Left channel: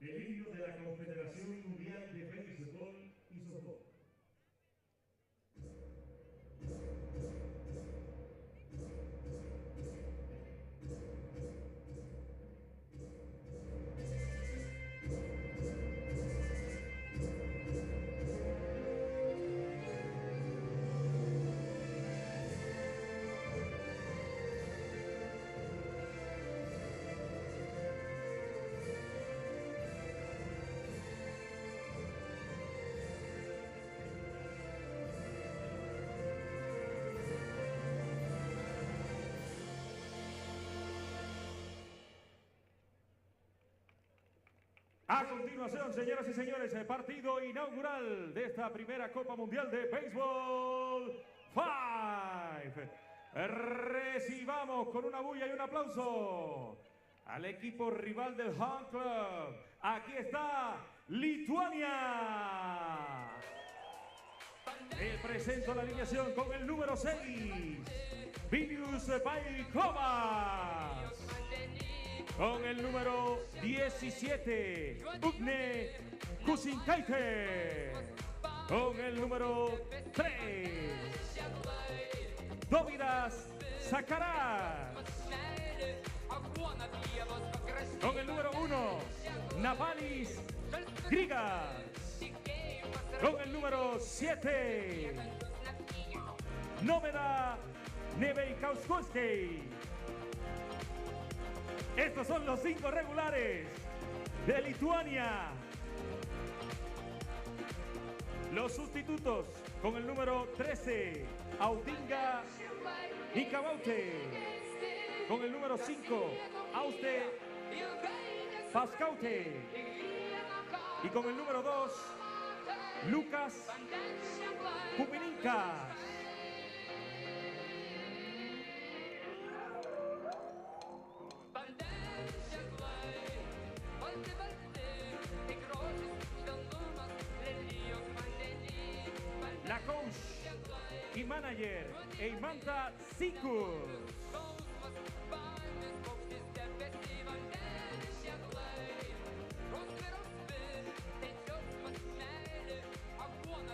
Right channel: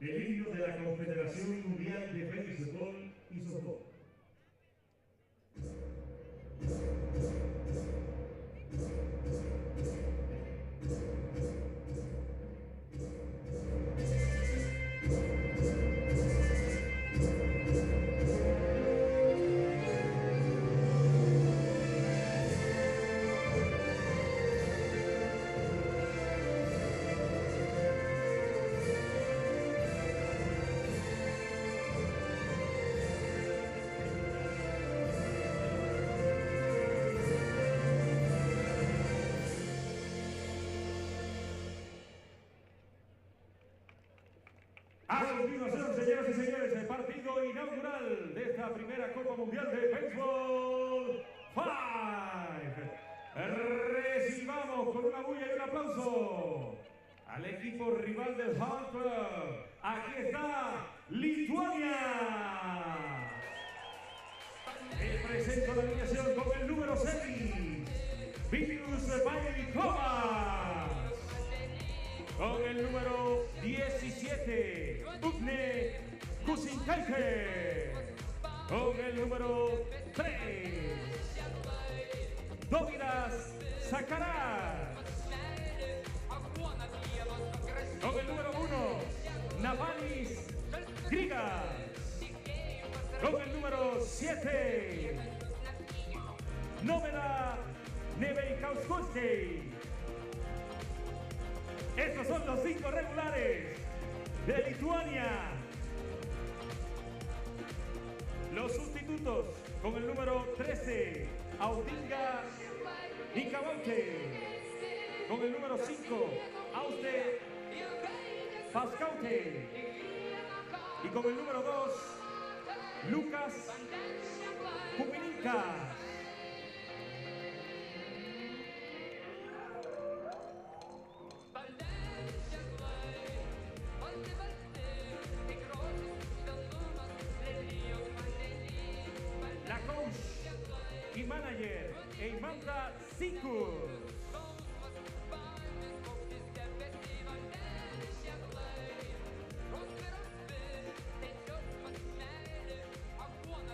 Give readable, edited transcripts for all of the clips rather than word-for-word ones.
el himno de la Confederación Mundial de Béisbol y Softball. A continuación, señoras y señores, el partido inaugural de esta primera Copa Mundial de Baseball 5. Recibamos con una bulla y un aplauso al equipo rival del Home Club. Aquí está Lituania. Presento la alineación con el número 6, Baseball5. Con el número 17, Ugne Kusinkaite. Con el número 3, Dovidas Sakaras. Con el número 1, Navalis Grigas. Con el número 7, Nomeda Neveikauskowski. Estos son los 5 regulares de Lituania. Los sustitutos con el número 13, Audinga Nikawaute. Con el número 5, Auste Pascaute. Y con el número 2, Lucas Kumininkas. La coach y manager Eimanta Sikus.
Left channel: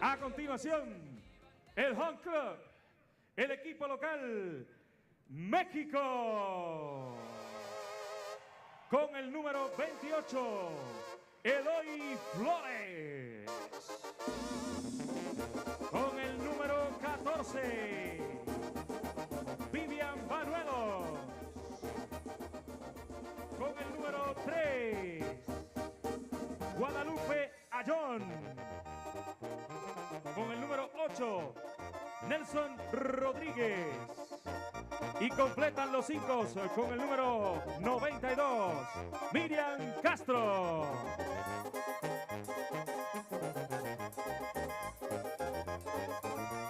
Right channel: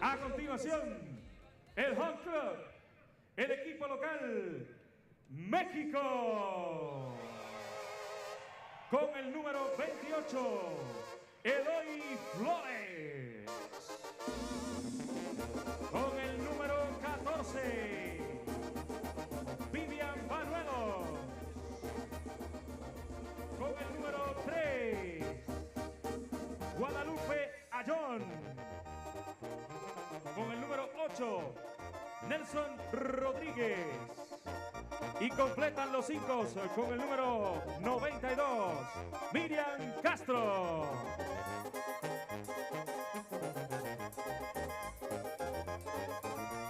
A continuación, el Home Club, el equipo local, México. Con el número 28, Eloy Flores. Con el número 14, Vivian Banuelos. Con el número 3, Guadalupe Ayón. Con el número 8, Nelson Rodríguez. Y completan los 5 con el número 92, Miriam Castro.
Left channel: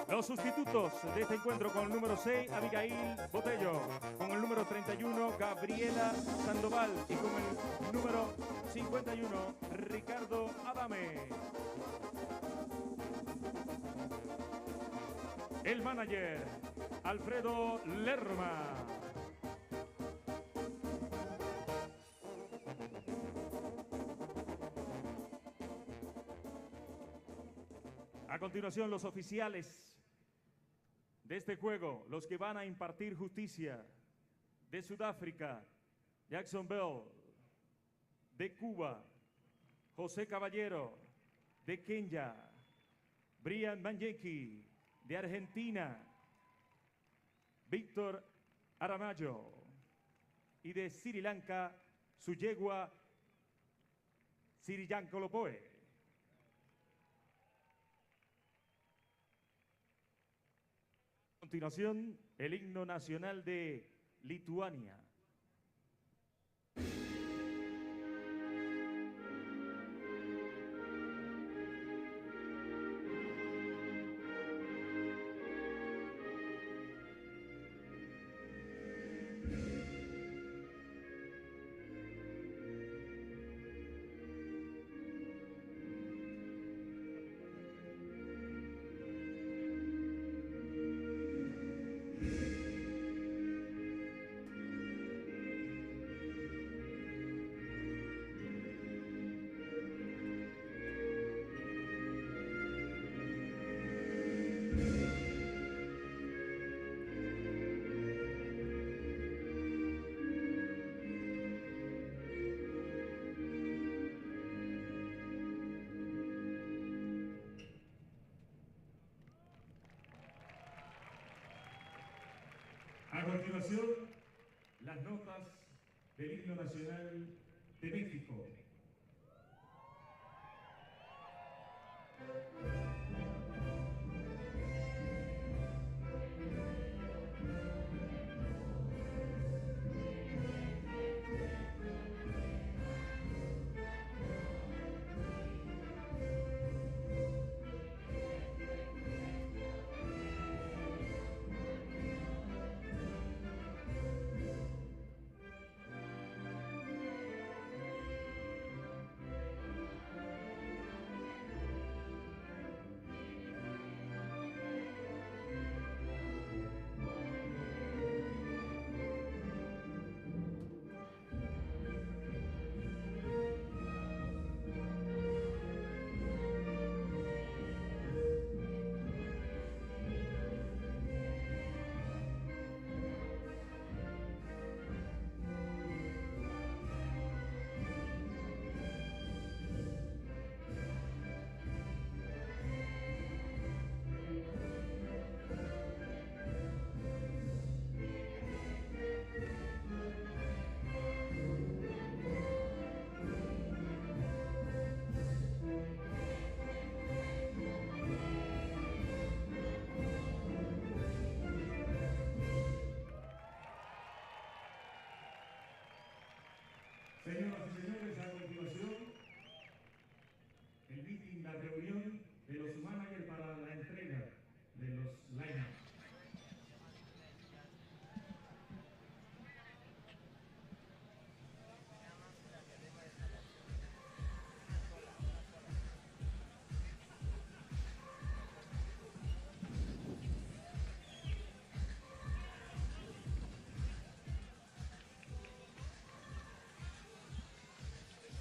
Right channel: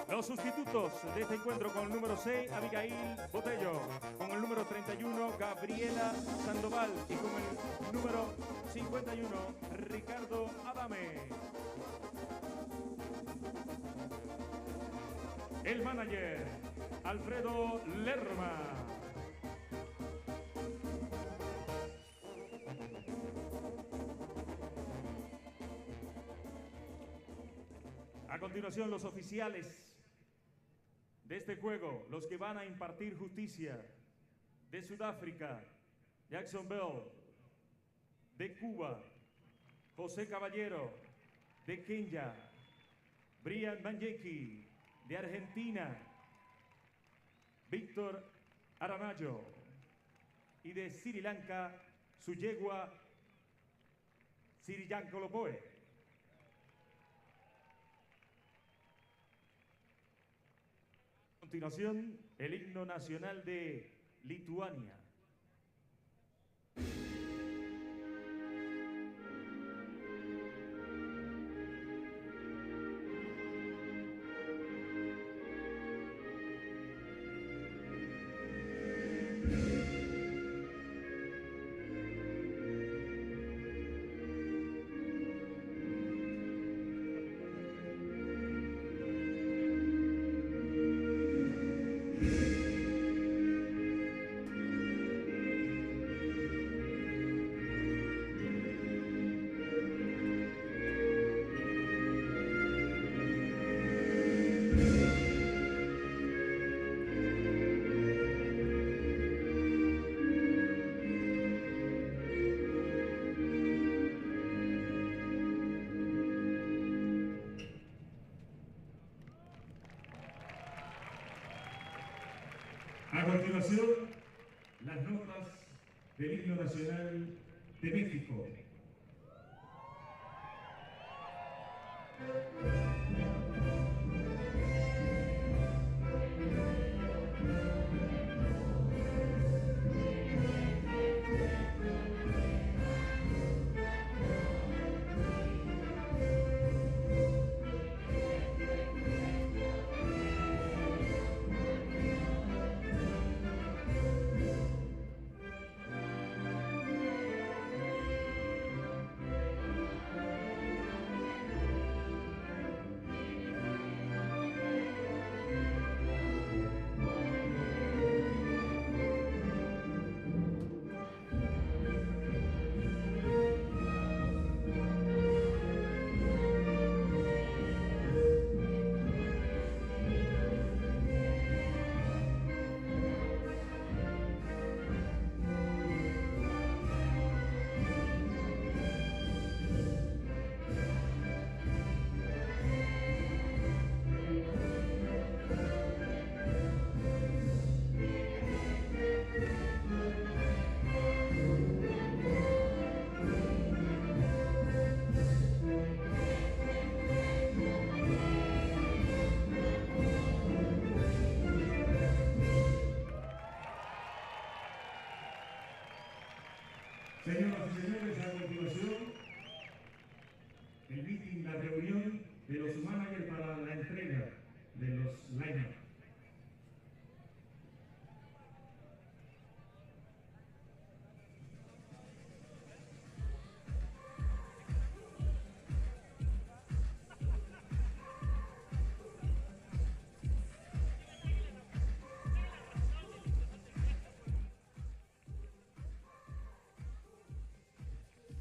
Los sustitutos de este encuentro con el número 6, Abigail Botello. Con el número 31, Gabriela Sandoval. Y con el número 51, Ricardo Adame. El manager, Alfredo Lerma. A continuación, los oficiales de este juego, los que van a impartir justicia. De Sudáfrica, Jackson Bell. De Cuba, José Caballero. De Kenia, Brian Manjeki. De Argentina, Víctor Aramayo. Y de Sri Lanka, su yegua Siriyankolopoe. A continuación, el himno nacional de Lituania. continuación, las notas del himno nacional de México. Señoras y señores, a continuación, el meeting, la reunión de los managers para la entrega de los line-ups.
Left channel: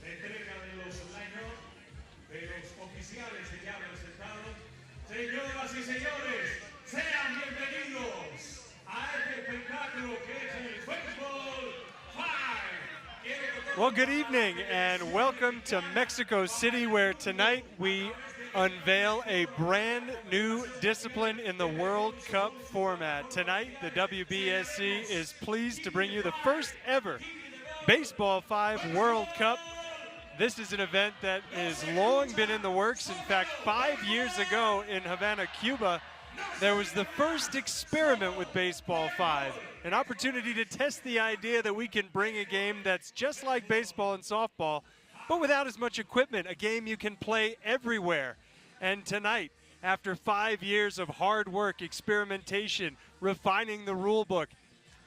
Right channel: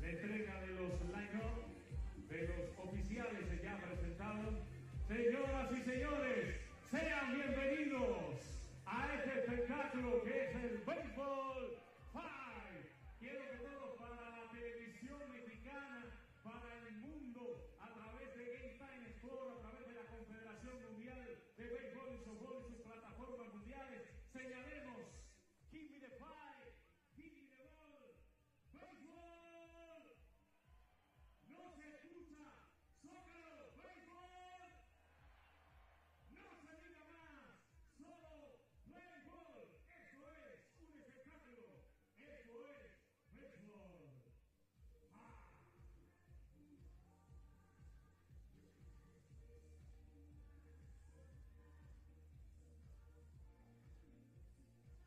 La entrega de los line-up de los oficiales ya presentados. Señoras y señores, sean bienvenidos a este espectáculo que es el Baseball5. Well, good evening and welcome to Mexico City, where tonight we unveil a brand new discipline in the World Cup format. Tonight, the WBSC is pleased to bring you the first ever Baseball5 World Cup. This is an event that has long been in the works. In fact, 5 years ago in Havana, Cuba, there was the first experiment with Baseball5, an opportunity to test the idea that we can bring a game that's just like baseball and softball, but without as much equipment, a game you can play everywhere. And tonight, after 5 years of hard work, experimentation, refining the rule book,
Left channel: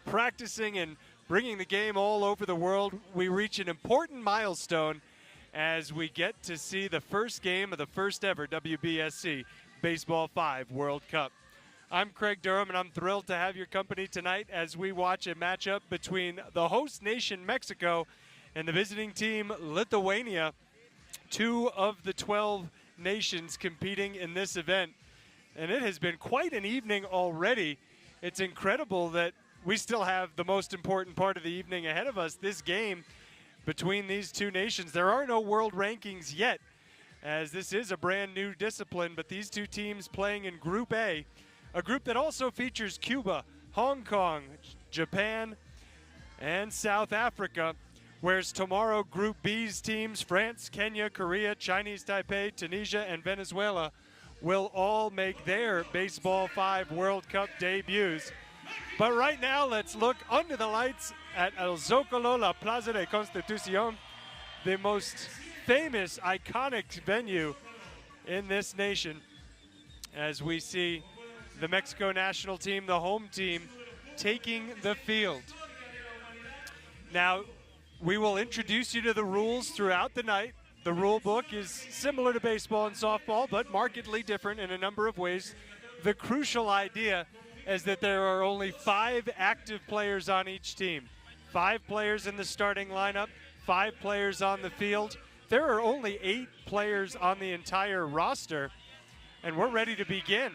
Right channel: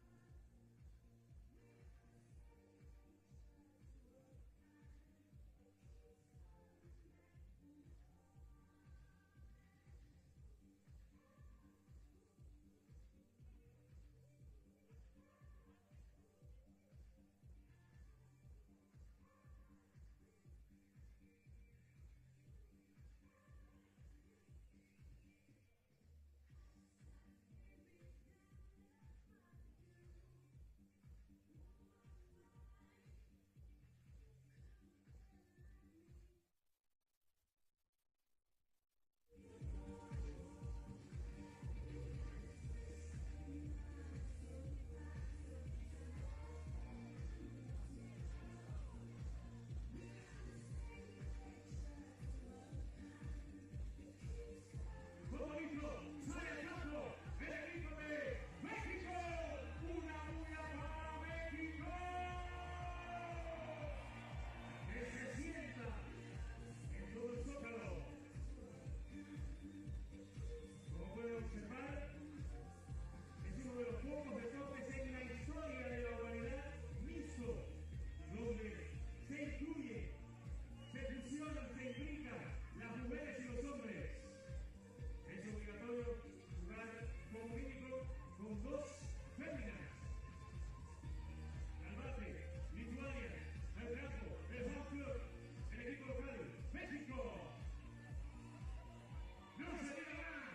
practicing and bringing the game all over the world, we reach an important milestone as we get to see the first game of the first ever WBSC Baseball5 World Cup. I'm Craig Durham, and I'm thrilled to have your company tonight as we watch a matchup between the host nation, Mexico, and the visiting team, Lithuania, 2 of the 12 nations competing in this event. And it has been quite an evening already. It's incredible that we still have the most important part of the evening ahead of us, this game between these two nations. There are no world rankings yet, as this is a brand new discipline, but these two teams playing in Group A, a group that also features Cuba, Hong Kong, Japan, and South Africa, whereas tomorrow Group B's teams, France, Kenya, Korea, Chinese Taipei, Tunisia, and Venezuela, will all make their Baseball5 World Cup debuts. But right now, let's look under the lights at El Zócalo, La Plaza de Constitución, the most famous, iconic venue in this nation, as we see the Mexico national team, the home team, taking the field. Now, we will introduce you to the rules throughout the night. The rule book is similar to baseball and softball, but markedly different in a number of ways. The crucial idea is that there are only 5 active players on each team. 5 players in the starting lineup, 5 players on the field. There are only 8 players on the entire roster, and we're ready to begin.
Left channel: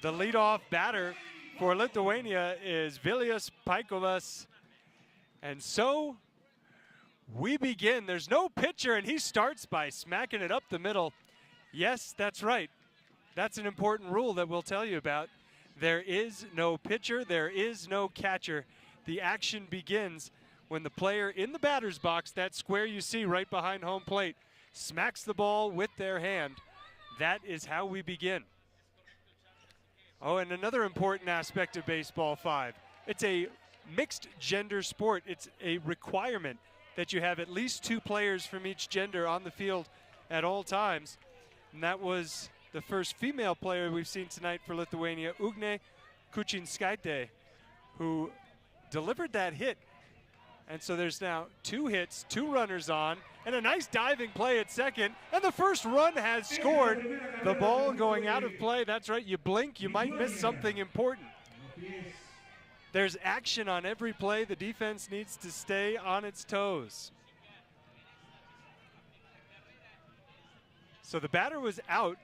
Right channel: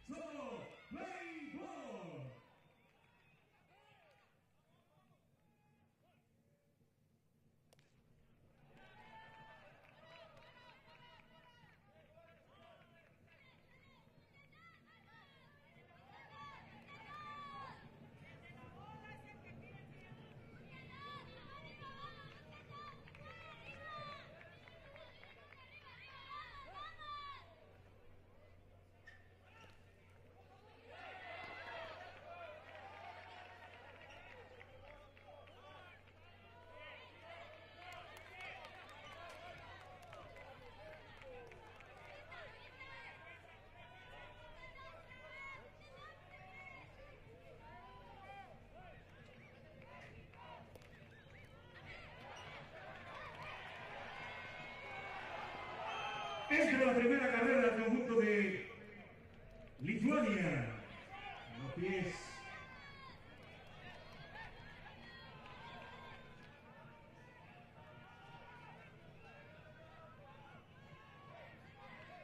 The leadoff batter for Lithuania is Vilius Paikovas, and so we begin. There's no pitcher, and he starts by smacking it up the middle. Yes, that's right. That's an important rule that we'll tell you about. There is no pitcher, there is no catcher, the action begins when the player in the batter's box, that square you see right behind home plate, smacks the ball with their hand. That is how we begin. Oh, and another important aspect of Baseball 5, it's a mixed gender sport. It's a requirement that you have at least 2 players from each gender on the field at all times. And that was the first female player we've seen tonight for Lithuania, Ugnė Kučinskaitė, who delivered that hit. And so there's now 2 hits, 2 runners on, and a nice diving play at second. And the first run has scored. The ball going out of play. That's right, you blink, you might miss something important. There's action on every play. The defense needs to stay on its toes. So the batter was out.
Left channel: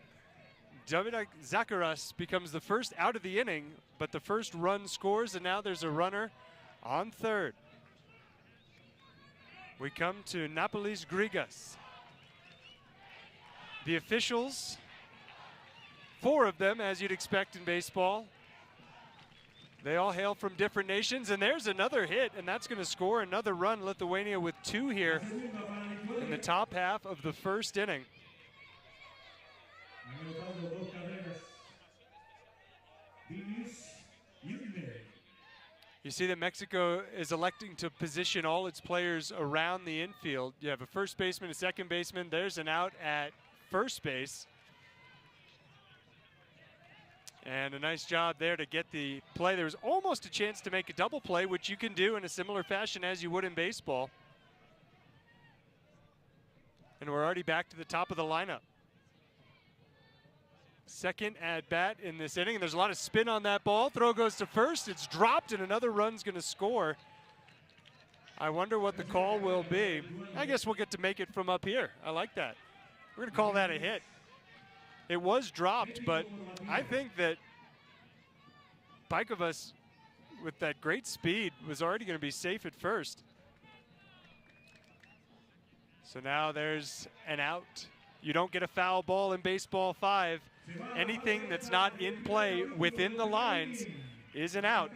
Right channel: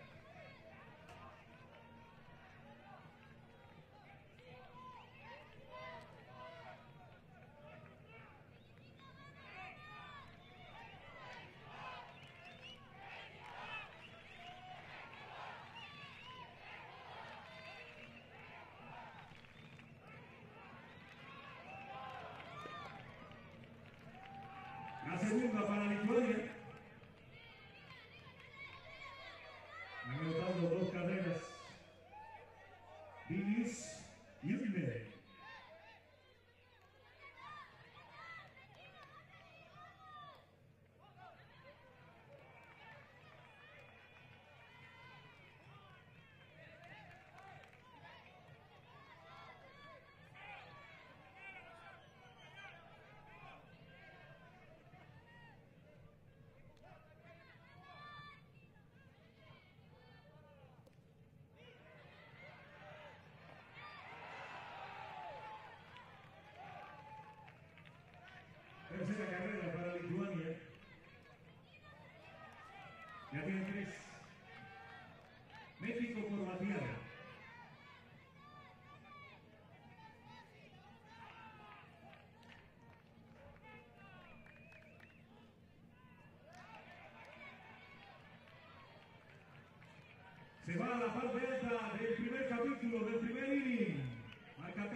Dominik Zakaras becomes the first out of the inning, but the first run scores, and now there's a runner on third. We come to Napolis Grigas. The officials, 4 of them, as you'd expect in baseball. They all hail from different nations, and there's another hit, and that's going to score another run. Lithuania with 2 here in the top half of the first inning. You see that Mexico is electing to position all its players around the infield. You have a first baseman, a second baseman. There's an out at first base. And a nice job there to get the play. There was almost a chance to make a double play, which you can do in a similar fashion as you would in baseball. And we're already back to the top of the lineup. Second at bat in this inning. There's a lot of spin on that ball. Throw goes to first. It's dropped, and another run's going to score. I wonder what the call will be. I guess we'll get to make it from up here. I like that. We're going to call that a hit. It was dropped, but I think that Baikovas, with that great speed, was already going to be safe at first. So now there's an out. You don't get a foul ball in Baseball 5. Anything that's not in play within the lines is an out.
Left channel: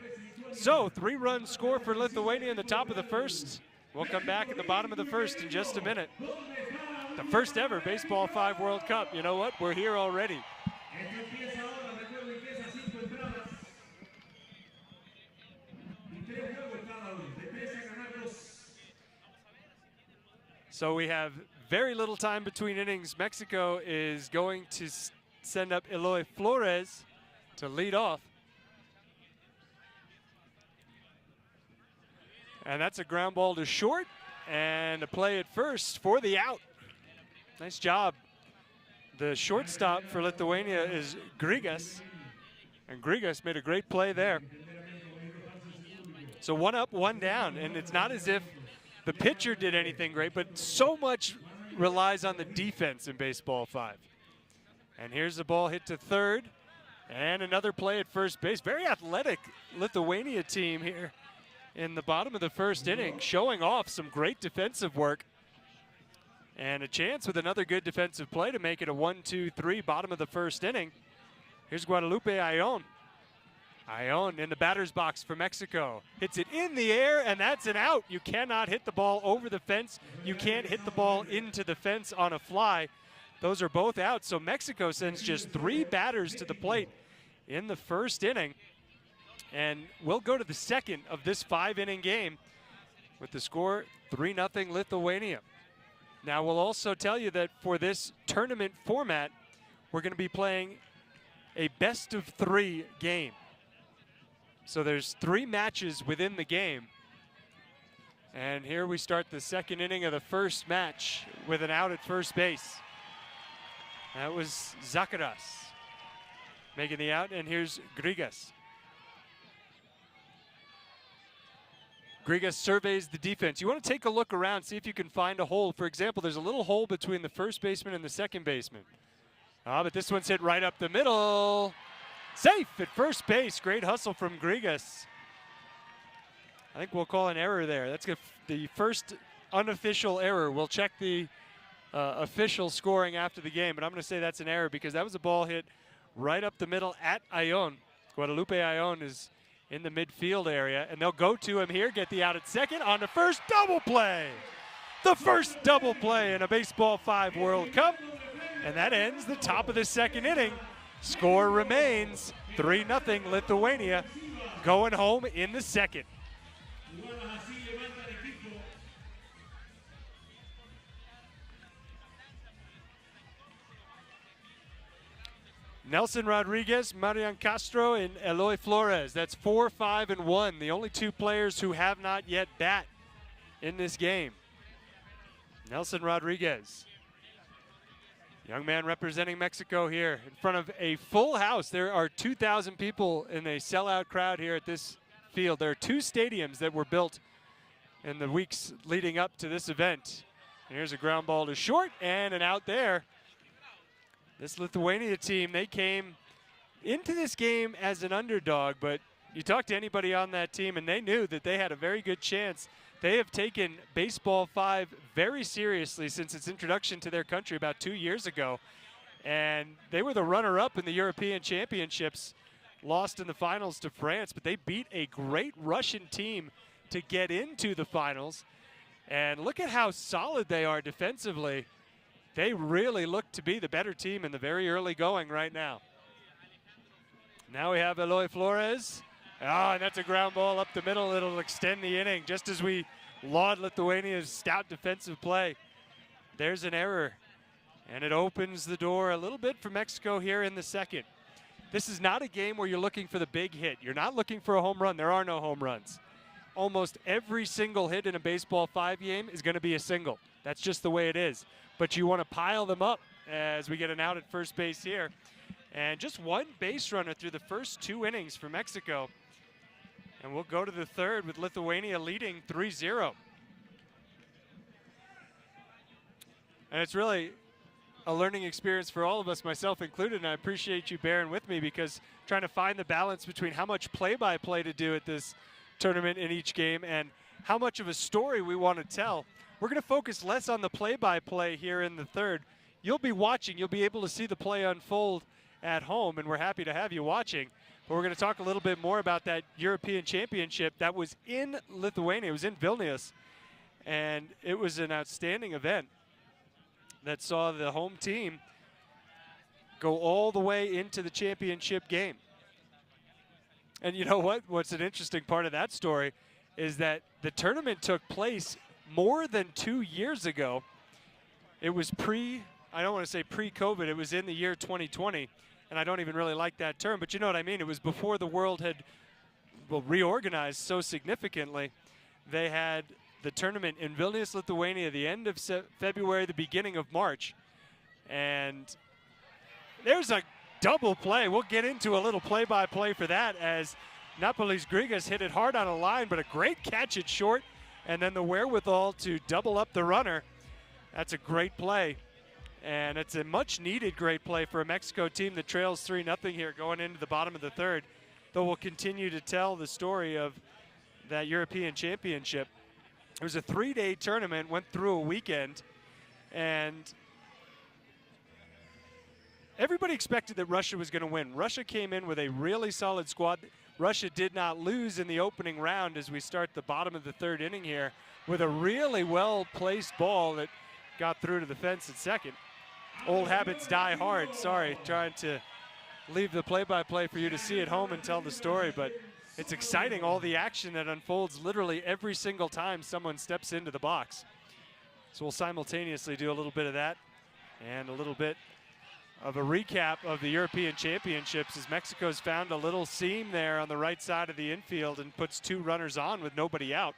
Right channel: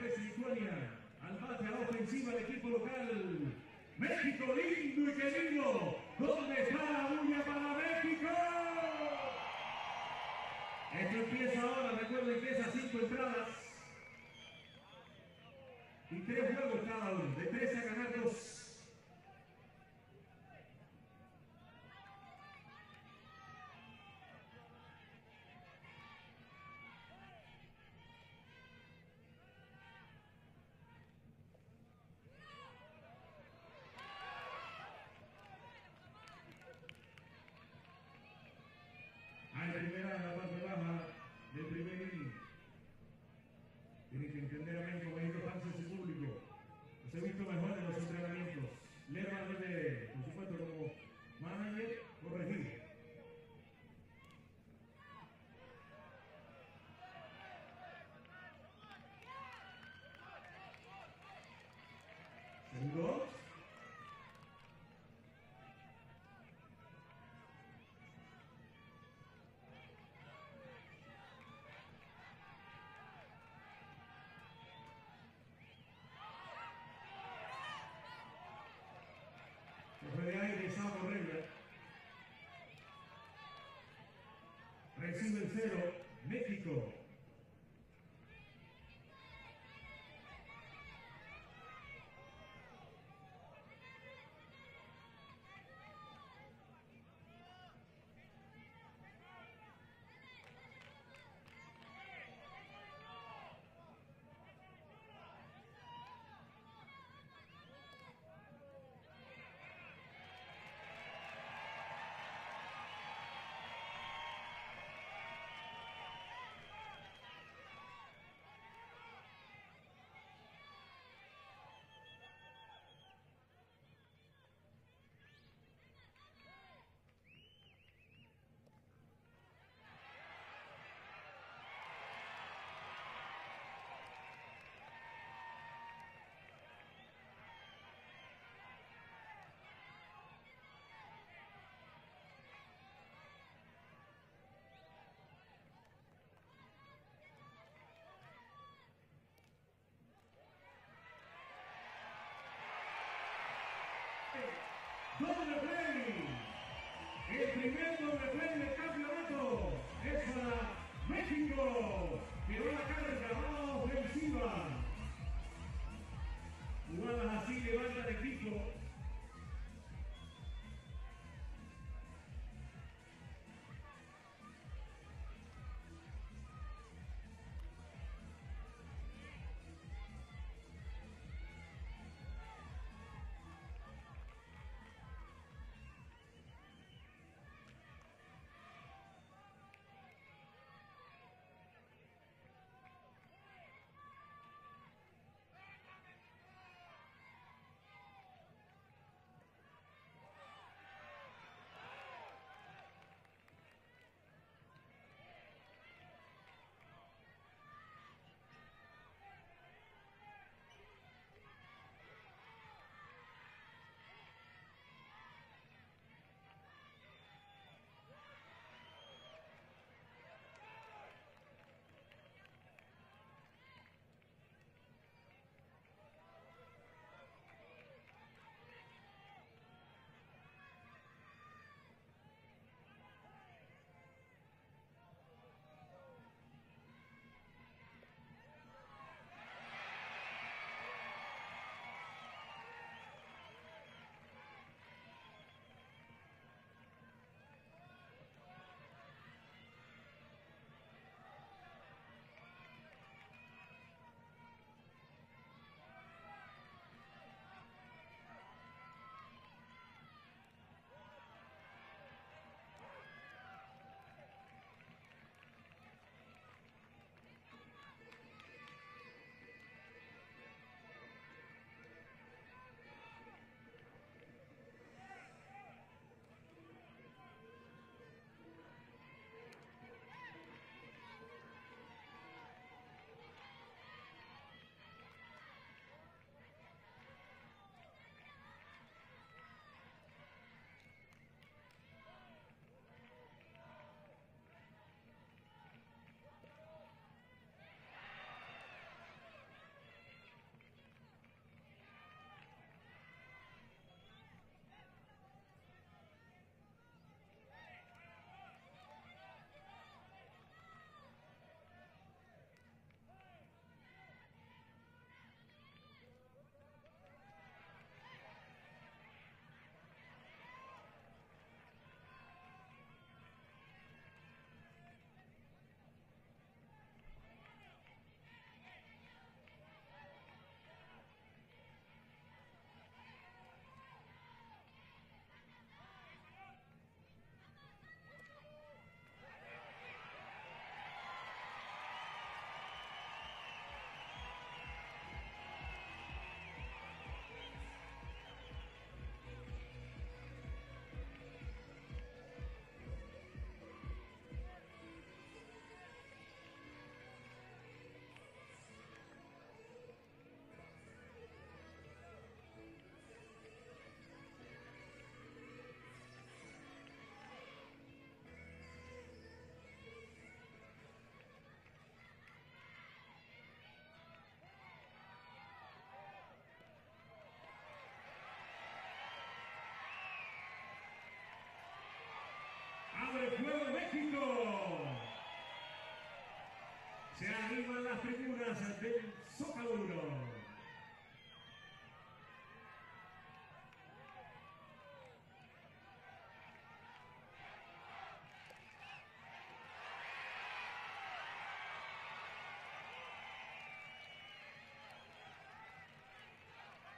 So 3-run score for Lithuania in the top of the first. We'll come back at the bottom of the first in just a minute. The first ever Baseball 5 World Cup. You know what? We're here already. So we have very little time between innings. Mexico is going to send up Eloy Flores to lead off. And that's a ground ball to short and a play at first for the out. Nice job. The shortstop for Lithuania is Grigas. And Grigas made a great play there. So 1 up, 1 down. And it's not as if the pitcher did anything great, but so much relies on the defense in Baseball 5. And here's the ball hit to third. And another play at first base. Very athletic Lithuania team here in the bottom of the first inning, showing off some great defensive work. And a chance with another good defensive play to make it a 1-2-3 bottom of the first inning. Here's Guadalupe Ayón. Ayón in the batter's box for Mexico. Hits it in the air, and that's an out. You cannot hit the ball over the fence. You can't hit the ball into the fence on a fly. Those are both out, so Mexico sends just 3 batters to the plate in the first inning. And we'll go to the second of this 5-inning game with the score 3-0 Lithuania. Now we'll also tell you that for this tournament format, we're going to be playing a best-of-3 game. So there's 3 matches within the game. And here we start the second inning of the first match with an out at first base. That was Zakaras making the out, and here's Grigas. Grigas surveys the defense. You want to take a look around, see if you can find a hole. For example, there's a little hole between the first baseman and the second baseman. But this one's hit right up the middle. Safe at first base. Great hustle from Grigas. I think we'll call an error there. That's the first unofficial error. We'll check the official scoring after the game, but I'm going to say that's an error because that was a ball hit right up the middle at Ayón. Guadalupe Ayón is in the midfield area, and they'll go to him here, get the out at second on the first double play. The first double play in a Baseball 5 World Cup, and that ends the top of the second inning. Score remains 3-0 Lithuania, going home in the second. Nelson Rodriguez, Marian Castro, and Eloy Flores. That's 4, 5, and 1. The only two players who have not yet bat in this game. Nelson Rodriguez, young man representing Mexico here in front of a full house. There are 2,000 people in a sellout crowd here at this field. There are 2 stadiums that were built in the weeks leading up to this event. And here's a ground ball to short and an out there. This Lithuania team, they came into this game as an underdog, but you talk to anybody on that team and they knew that they had a very good chance. They have taken Baseball 5 very seriously since its introduction to their country about 2 years ago. And they were the runner-up in the European Championships, lost in the finals to France, but they beat a great Russian team to get into the finals. And look at how solid they are defensively. They really look to be the better team in the very early going right now. Now we have Eloy Flores. Oh, and that's a ground ball up the middle. It'll extend the inning just as we laud Lithuania's stout defensive play. There's an error, and it opens the door a little bit for Mexico here in the second. This is not a game where you're looking for the big hit. You're not looking for a home run. There are no home runs. Almost every single hit in a Baseball 5 game is going to be a single. That's just the way it is. But you want to pile them up as we get an out at first base here. And just one base runner through the first 2 innings for Mexico. And we'll go to the third with Lithuania leading 3-0. And it's really a learning experience for all of us, myself included, and I appreciate you bearing with me because trying to find the balance between how much play-by-play to do at this tournament in each game and how much of a story we want to tell. We're going to focus less on the play-by-play here in the third. You'll be watching. You'll be able to see the play unfold at home, and we're happy to have you watching. But we're going to talk a little bit more about that European Championship that was in Lithuania. It was in Vilnius, and it was an outstanding event that saw the home team go all the way into the championship game. And you know what? What's an interesting part of that story is that the tournament took place more than 2 years ago. It was I don't want to say pre-COVID, it was in the year 2020. And I don't even really like that term, but you know what I mean. It was before the world had reorganized so significantly. They had the tournament in Vilnius, Lithuania, the end of February, the beginning of March. And there's a double play. We'll get into a little play-by-play for that as Napolis Grigas hit it hard on a line, but a great catch at short, and then the wherewithal to double up the runner. That's a great play. And it's a much-needed great play for a Mexico team that trails 3-0 here going into the bottom of the third. Though we'll continue to tell the story of that European Championship. It was a 3-day tournament, went through a weekend, and everybody expected that Russia was going to win. Russia came in with a really solid squad. Russia did not lose in the opening round as we start the bottom of the third inning here with a really well-placed ball that got through to the fence at second. Old habits die hard. Sorry, trying to leave the play-by-play for you to see at home and tell the story, but it's exciting, all the action that unfolds literally every single time someone steps into the box. So we'll simultaneously do a little bit of that and a little bit of a recap of the European Championships as Mexico's found a little seam there on the right side of the infield and puts 2 runners on with nobody out.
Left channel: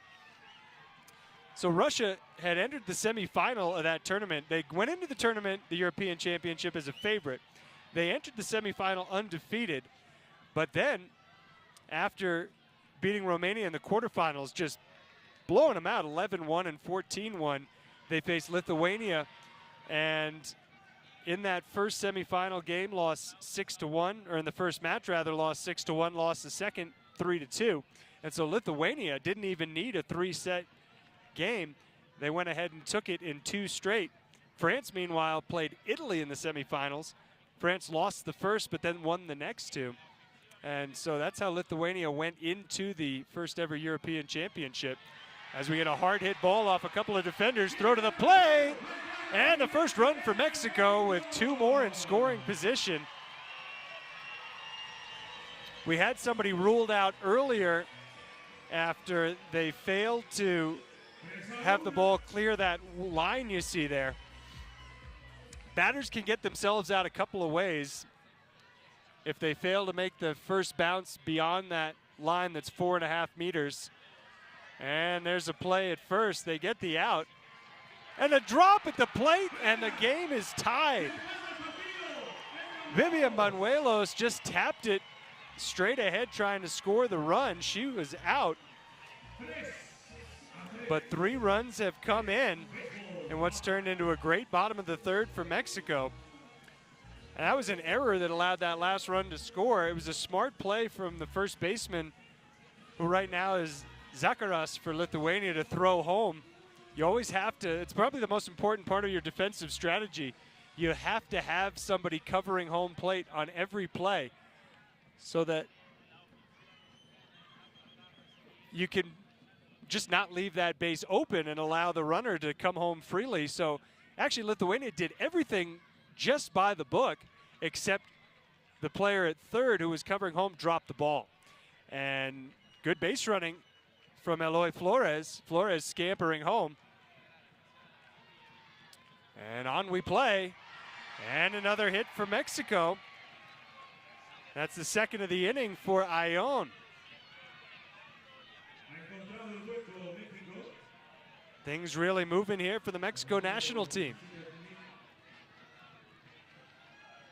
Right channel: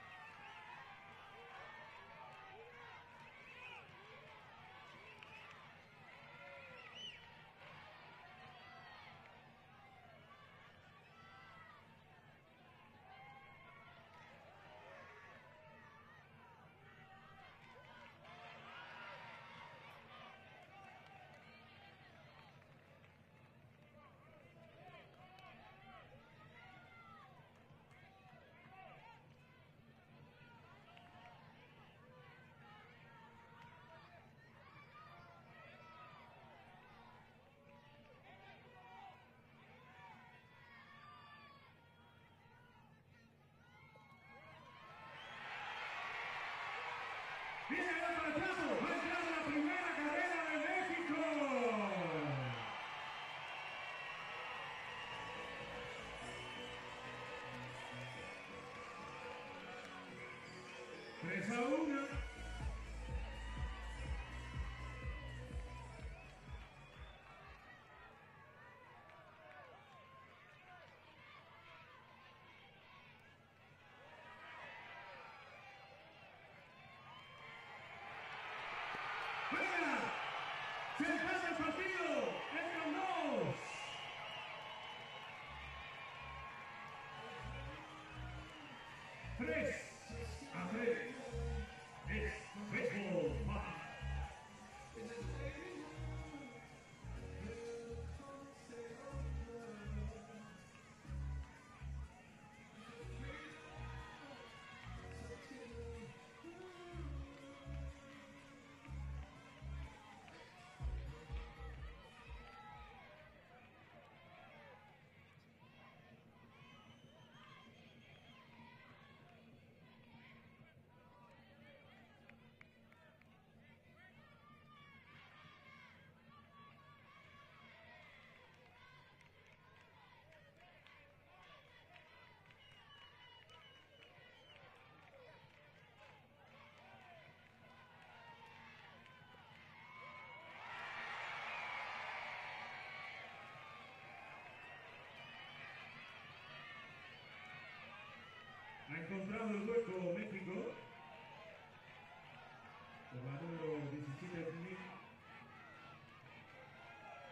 So Russia had entered the semifinal of that tournament. They went into the tournament, the European Championship, as a favorite. They entered the semifinal undefeated, but then after beating Romania in the quarterfinals, just blowing them out 11-1 and 14-1, they faced Lithuania, and in that first semifinal game lost 6-1, or in the first match rather, lost 6-1, lost the second 3-2. And so Lithuania didn't even need a 3-set game. They went ahead and took it in 2 straight. France, meanwhile, played Italy in the semifinals. France lost the first, but then won the next 2. And so that's how Lithuania went into the first ever European Championship. As we get a hard hit ball off a couple of defenders, throw to the play, and the first run for Mexico with 2 more in scoring position. We had somebody ruled out earlier after they failed to have the ball clear that line you see there. Batters can get themselves out a couple of ways if they fail to make the first bounce beyond that line that's 4.5 meters. And there's a play at first. They get the out. And a drop at the plate, and the game is tied. Vivian Manuelos just tapped it straight ahead trying to score the run. She was out. But 3 runs have come in in what's turned into a great bottom of the third for Mexico. And that was an error that allowed that last run to score. It was a smart play from the first baseman, who right now is Zakaras for Lithuania, to throw home. You always have to, it's probably the most important part of your defensive strategy. You have to have somebody covering home plate on every play so that you can just not leave that base open and allow the runner to come home freely. So actually Lithuania did everything just by the book, except the player at third who was covering home dropped the ball. And good base running from Eloy Flores. Flores scampering home. And on we play. And another hit for Mexico. That's the second of the inning for Ion. Things really moving here for the Mexico national team.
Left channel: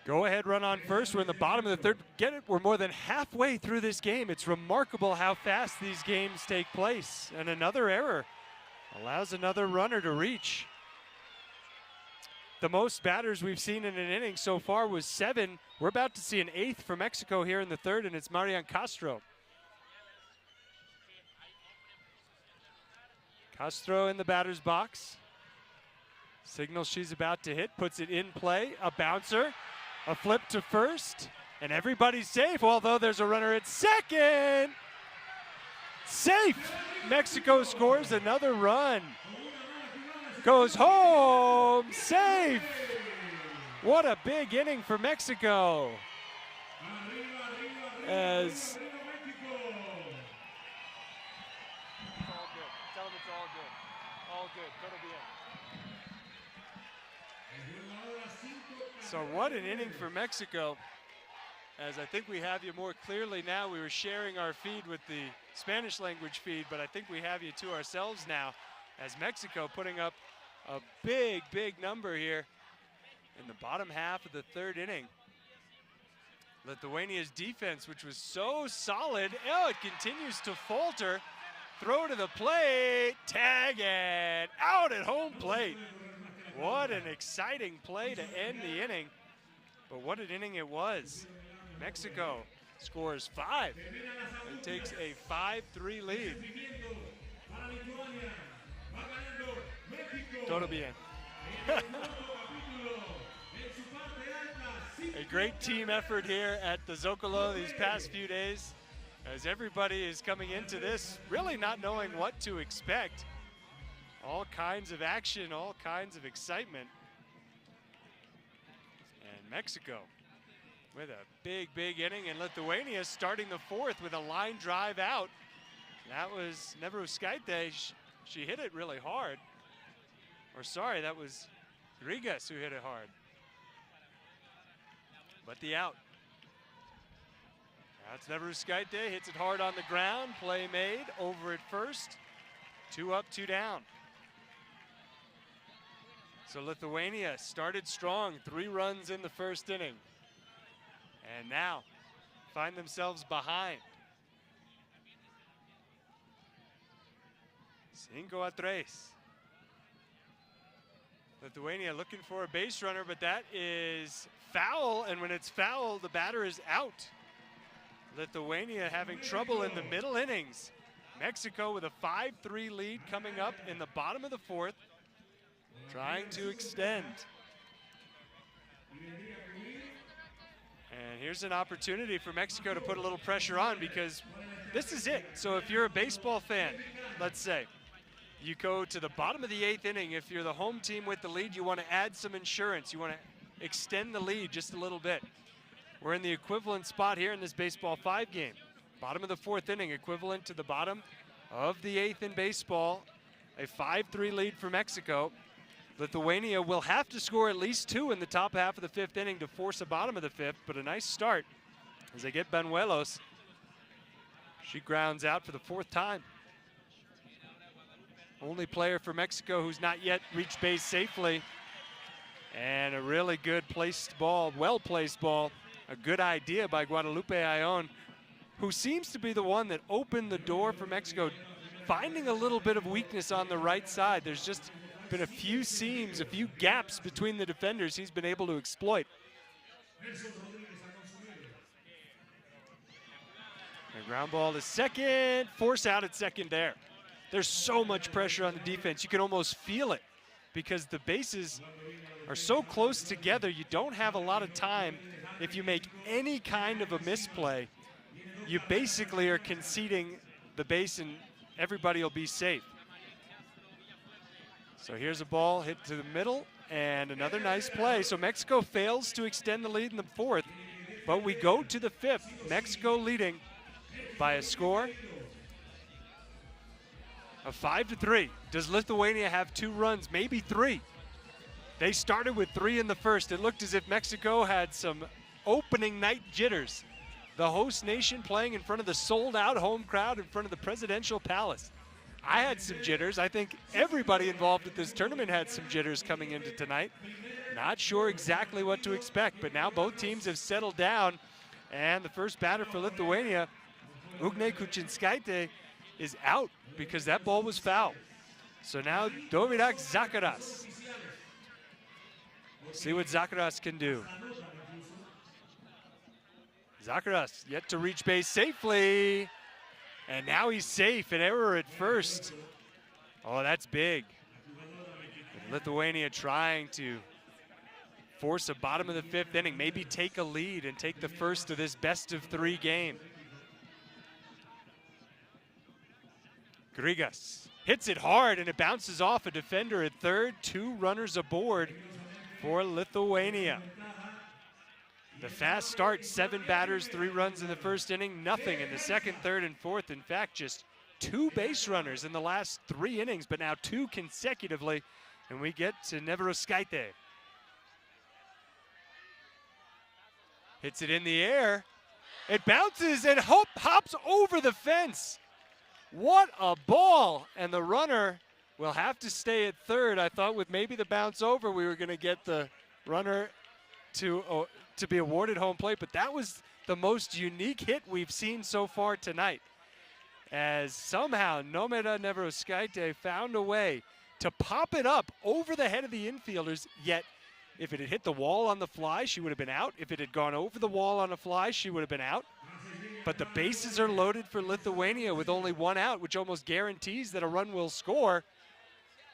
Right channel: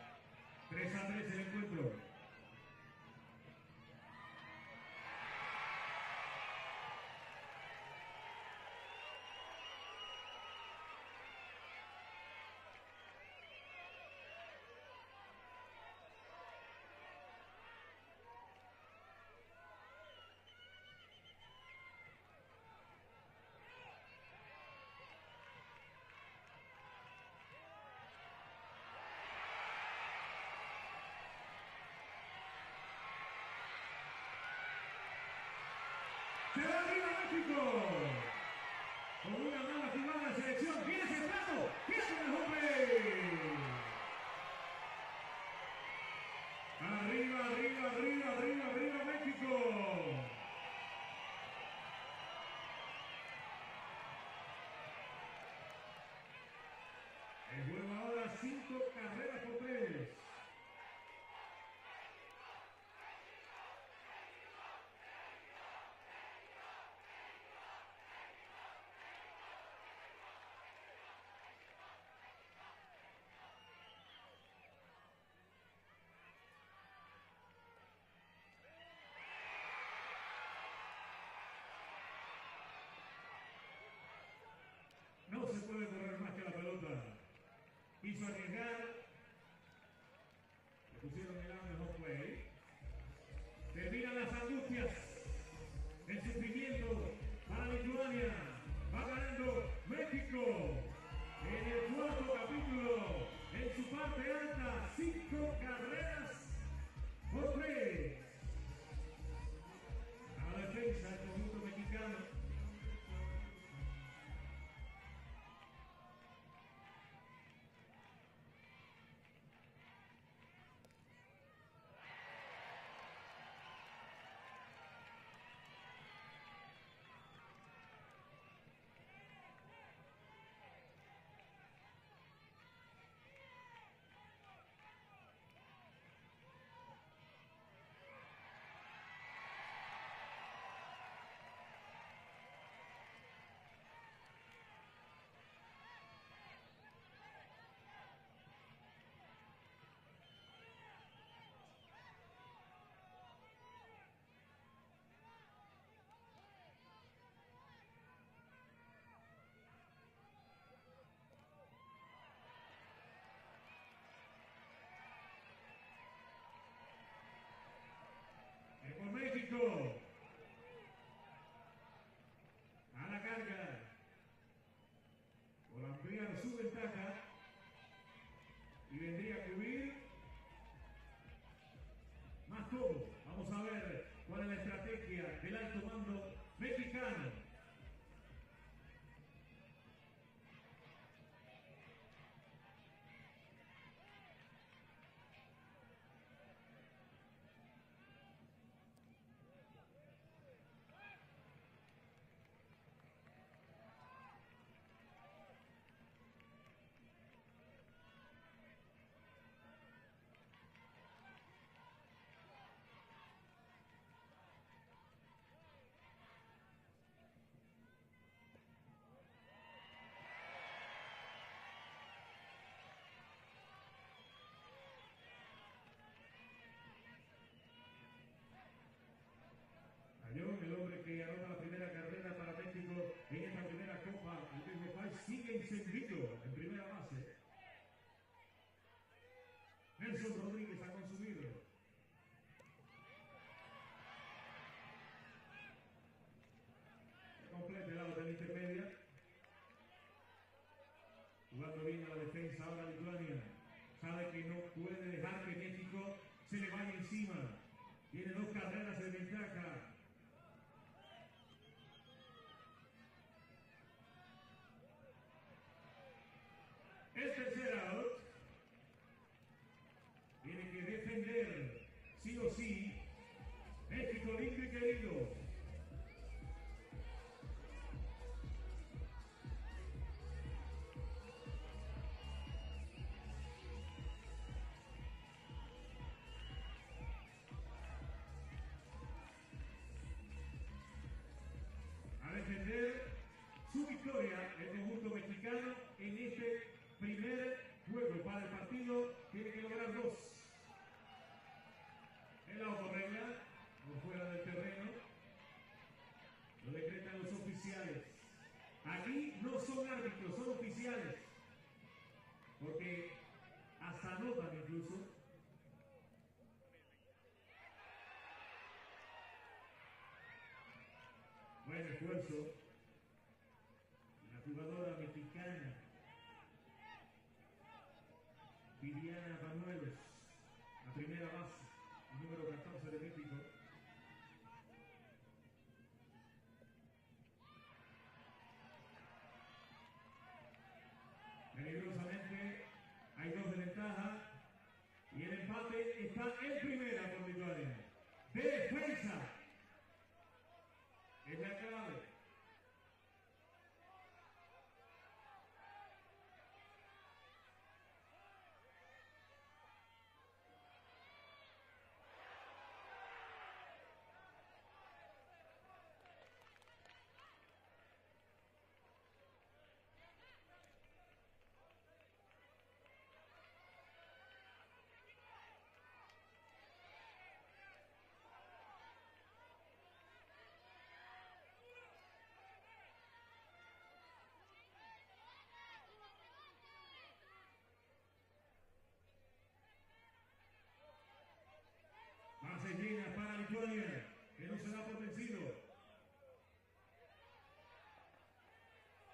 Go ahead, run on first. We're in the bottom of the third. Get it? We're more than halfway through this game. It's remarkable how fast these games take place. And another error allows another runner to reach. The most batters we've seen in an inning so far was 7. We're about to see an 8th for Mexico here in the third, and it's Marian Castro. Castro in the batter's box. Signals she's about to hit, puts it in play. A bouncer, a flip to first, and everybody's safe, although there's a runner at second. Safe! Mexico scores another run. Goes home, safe! What a big inning for Mexico. As so what an inning for Mexico. As I think we have you more clearly now. We were sharing our feed with the Spanish language feed, but I think we have you to ourselves now, as Mexico putting up a big, big number here in the bottom half of the third inning. Lithuania's defense, which was so solid, it continues to falter. Throw to the plate, tag it, out at home plate. What an exciting play to end the inning. But what an inning it was. Mexico scores 5. Takes a 5-3 lead. Todo bien. A great team effort here at the Zócalo these past few days, as everybody is coming into this really not knowing what to expect. All kinds of action, all kinds of excitement. And Mexico with a big, big inning, and Lithuania starting the fourth with a line drive out. That was Neveruskaitė. She hit it really hard. Or sorry, that was Rigas who hit it hard. But the out. That's Neveruskaitė, hits it hard on the ground. Play made, over at first. 2 up, 2 down. So Lithuania started strong, 3 runs in the first inning. And now find themselves behind. 5-3. Lithuania looking for a base runner, but that is foul, and when it's foul, the batter is out. Lithuania having trouble in the middle innings. Mexico with a 5-3 lead coming up in the bottom of the fourth, trying to extend. And here's an opportunity for Mexico to put a little pressure on, because this is it. So if you're a baseball fan, let's say, you go to the bottom of the 8th inning. If you're the home team with the lead, you want to add some insurance. You want to extend the lead just a little bit. We're in the equivalent spot here in this Baseball 5 game. Bottom of the 4th inning, equivalent to the bottom of the 8th in baseball. A 5-3 lead for Mexico. Lithuania will have to score at least 2 in the top half of the 5th inning to force a bottom of the 5th, but a nice start as they get Banuelos. She grounds out for the 4th time. Only player for Mexico who's not yet reached base safely. And a really good placed ball, well-placed ball. A good idea by Guadalupe Ayllón, who seems to be the one that opened the door for Mexico, finding a little bit of weakness on the right side. There's just been a few seams, a few gaps between the defenders he's been able to exploit. And ground ball to second, force out at second there. There's so much pressure on the defense. You can almost feel it because the bases are so close together. You don't have a lot of time. If you make any kind of a misplay, you basically are conceding the base and everybody will be safe. So here's a ball hit to the middle and another nice play. So Mexico fails to extend the lead in the 4th, but we go to the 5th. Mexico leading by a score of 5-3. Does Lithuania have 2 runs? Maybe 3. They started with 3 in the 1st. It looked as if Mexico had some opening night jitters. The host nation playing in front of the sold-out home crowd in front of the presidential palace. I had some jitters. I think everybody involved at this tournament had some jitters coming into tonight. Not sure exactly what to expect, but now both teams have settled down. And the first batter for Lithuania, Ugne Kuchinskaite, is out because that ball was foul. So now Domirak Zakaras. See what Zakaras can do. Zakaras yet to reach base safely. And now he's safe. An error at first. Oh, that's big. Lithuania trying to force a bottom of the 5th inning, maybe take a lead and take the first of this best-of-3 game. Grigas hits it hard and it bounces off a defender at third. 2 runners aboard for Lithuania. The fast start, 7 batters, 3 runs in the 1st inning, nothing in the 2nd, 3rd, and 4th. In fact, just 2 base runners in the last 3 innings, but now 2 consecutively. And we get to Neveroskaite. Hits it in the air. It bounces and hops over the fence. What a ball! And the runner will have to stay at third. I thought with maybe the bounce over, we were going to get the runner to be awarded home plate, but that was the most unique hit we've seen so far tonight. As somehow Nomeda Neveroskaite found a way to pop it up over the head of the infielders, yet if it had hit the wall on the fly, she would have been out. If it had gone over the wall on a fly, she would have been out. But the bases are loaded for Lithuania with only 1 out, which almost guarantees that a run will score.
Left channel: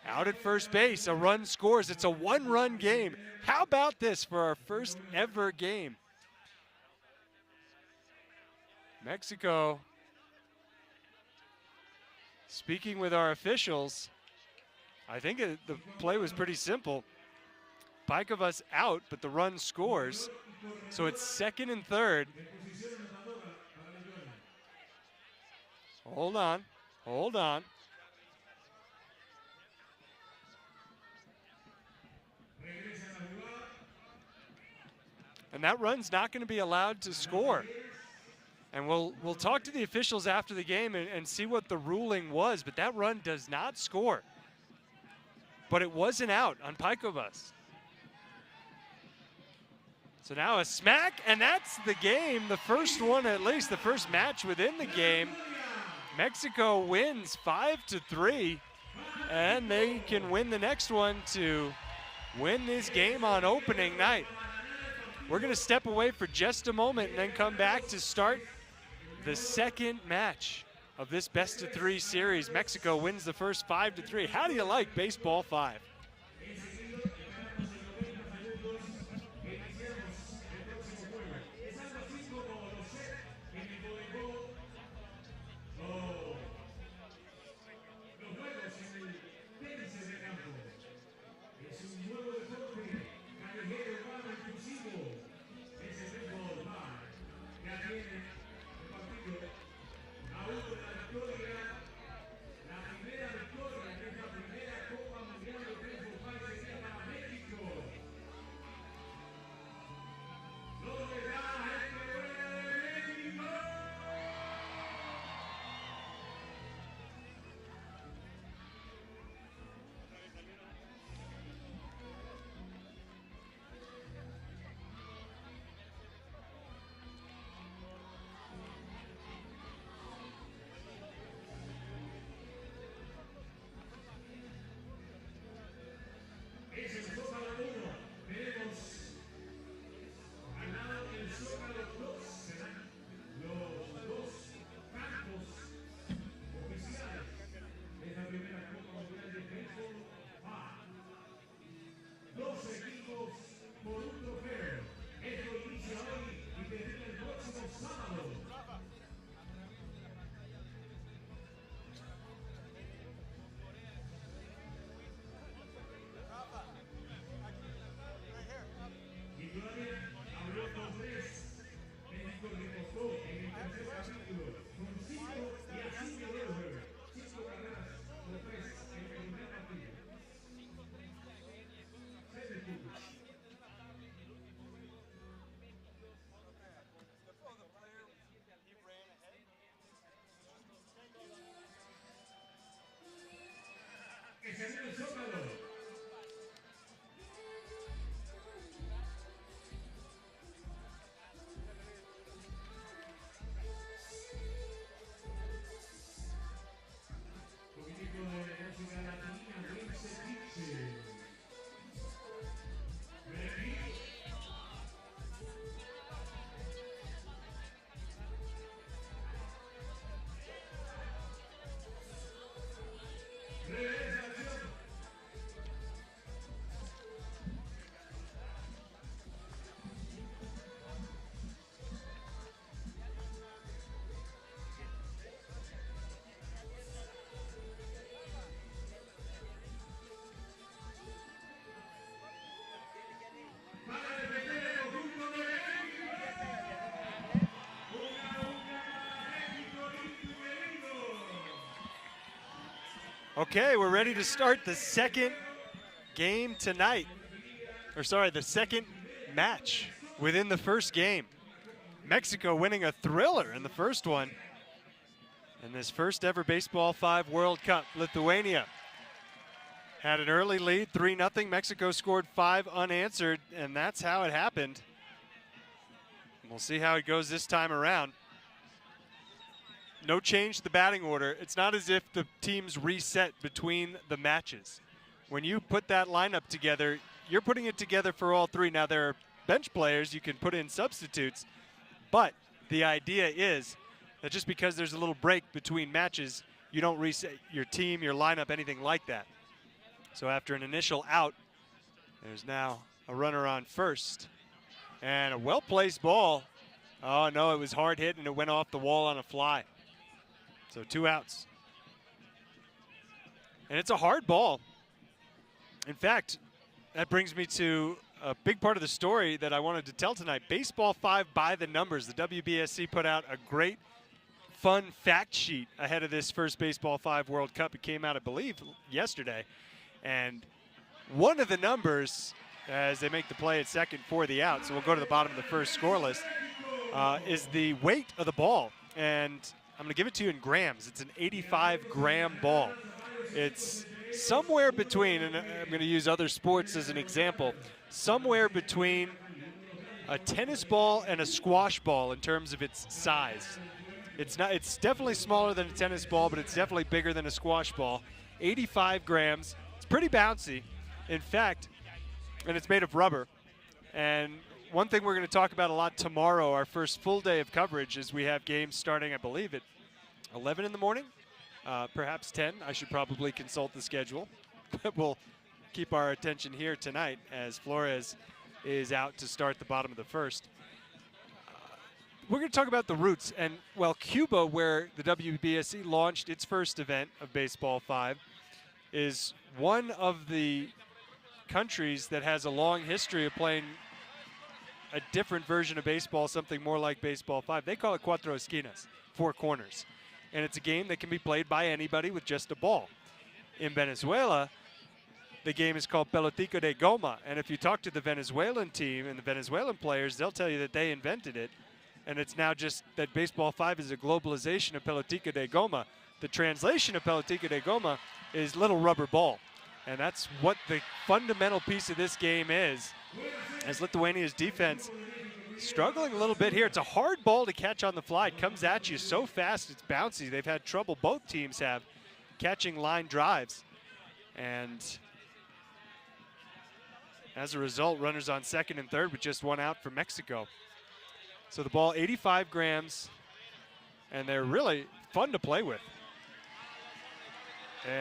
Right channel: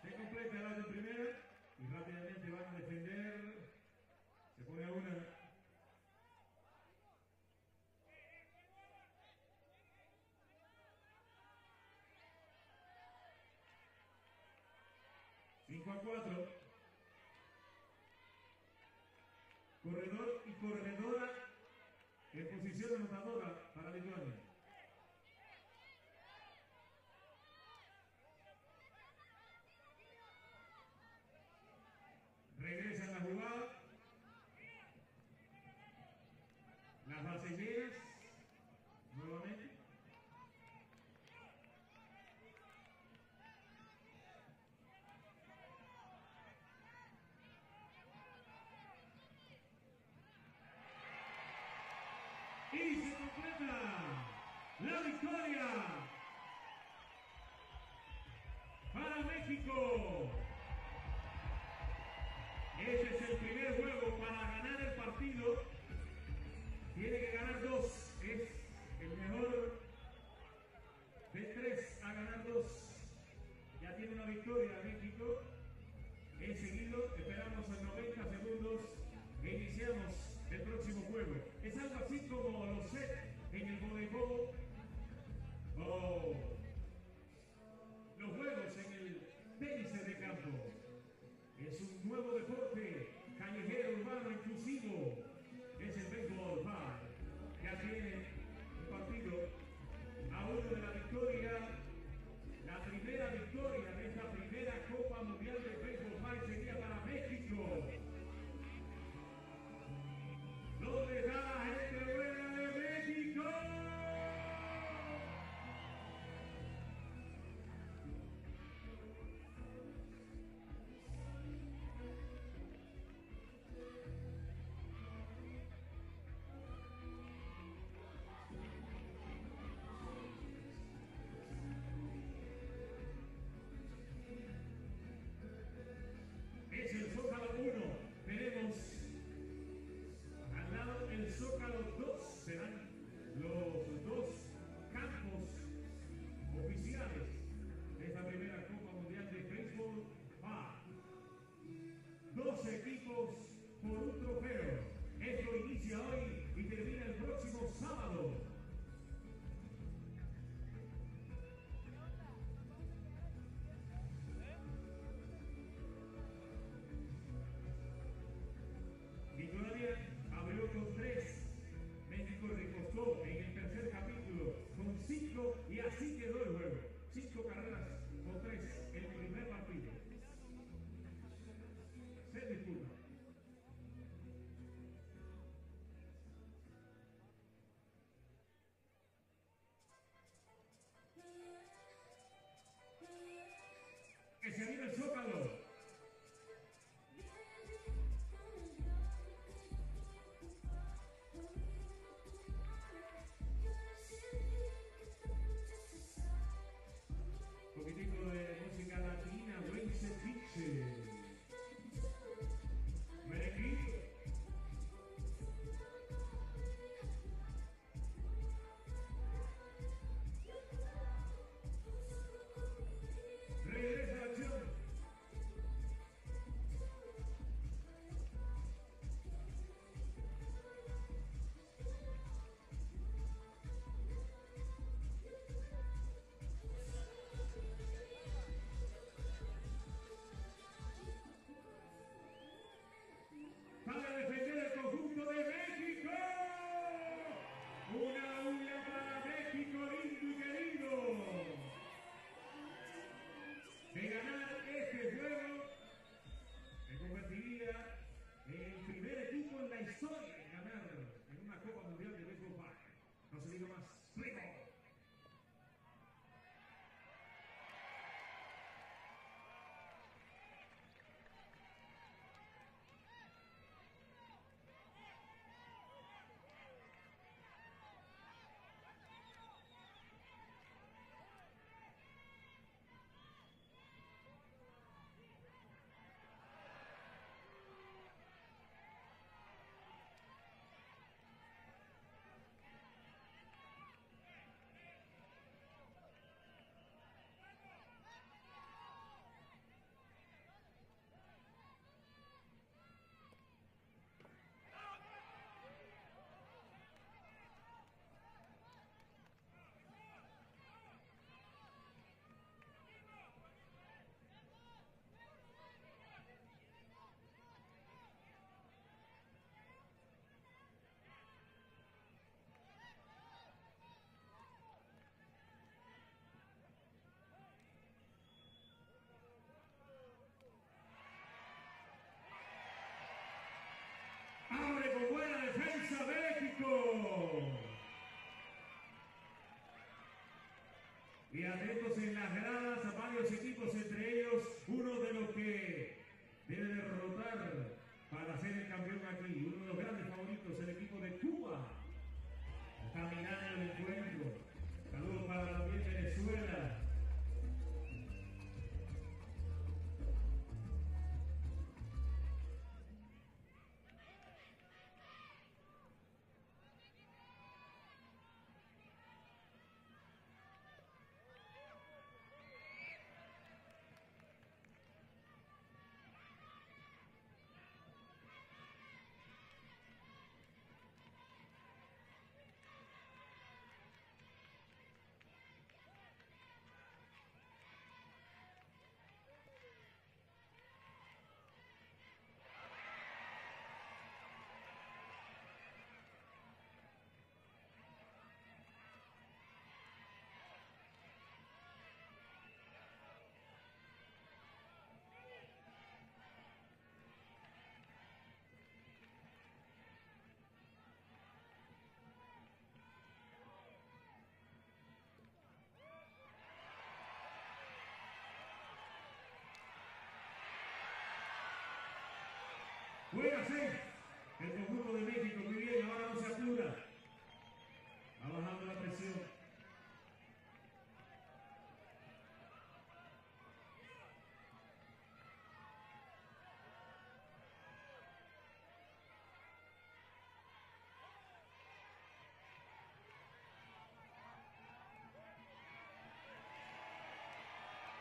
Out at first base, a run scores. It's a 1-run game. How about this for our first ever game? Mexico, speaking with our officials, I think the play was pretty simple. Paikovas out, but the run scores. So it's 2nd and 3rd. Hold on, hold on. And that run's not going to be allowed to score. And we'll talk to the officials after the game and see what the ruling was, but that run does not score. But it wasn't out on Paikovas. So now a smack, and that's the game, the first one at least, the first match within the game. Mexico wins 5-3, and they can win the next one to win this game on opening night. We're going to step away for just a moment and then come back to start the second match of this best-of-3 series. Mexico wins the first 5-3. How do you like Baseball 5? Okay, we're ready to start the second game tonight. Or sorry, the second match within the first game. Mexico winning a thriller in the first one. In this first ever Baseball 5 World Cup, Lithuania had an early lead, 3-0. Mexico scored 5 unanswered, and that's how it happened. We'll see how it goes this time around. No change to the batting order. It's not as if the teams reset between the matches. When you put that lineup together, you're putting it together for all three. Now, there are bench players, you can put in substitutes, but the idea is that just because there's a little break between matches, you don't reset your team, your lineup, anything like that. So after an initial out, there's now a runner on first. And a well-placed ball. Oh, no, it was hard hit, and it went off the wall on a fly. So 2 outs. And it's a hard ball. In fact, that brings me to a big part of the story that I wanted to tell tonight. Baseball 5 by the numbers. The WBSC put out a great, fun fact sheet ahead of this first Baseball 5 World Cup. It came out, I believe, yesterday. And one of the numbers, as they make the play at second for the out, so we'll go to the bottom of the first score list, is the weight of the ball. And I'm going to give it to you in grams. It's an 85-gram ball. It's somewhere between, and I'm going to use other sports as an example, somewhere between a tennis ball and a squash ball in terms of its size. It's definitely smaller than a tennis ball, but it's definitely bigger than a squash ball. 85 grams. It's pretty bouncy. In fact, and it's made of rubber. And one thing we're going to talk about a lot tomorrow, our first full day of coverage, is we have games starting, I believe, at 11 in the morning, perhaps 10. I should probably consult the schedule. But we'll keep our attention here tonight as Flores is out to start the bottom of the first. We're going to talk about the roots. And, well, Cuba, where the WBSC launched its first event of Baseball 5, is one of the countries that has a long history of playing a different version of baseball, something more like Baseball 5. They call it cuatro esquinas, 4 corners. And it's a game that can be played by anybody with just a ball. In Venezuela, the game is called pelotica de goma. And if you talk to the Venezuelan team and the Venezuelan players, they'll tell you that they invented it. And it's now just that Baseball 5 is a globalization of pelotica de goma. The translation of pelotica de goma is little rubber ball. And that's what the fundamental piece of this game is, as Lithuania's defense struggling a little bit here. It's a hard ball to catch on the fly. It comes at you so fast, it's bouncy. They've had trouble, both teams have, catching line drives. And as a result, runners on second and third with just 1 out for Mexico. So the ball, 85 grams, and they're really fun to play with.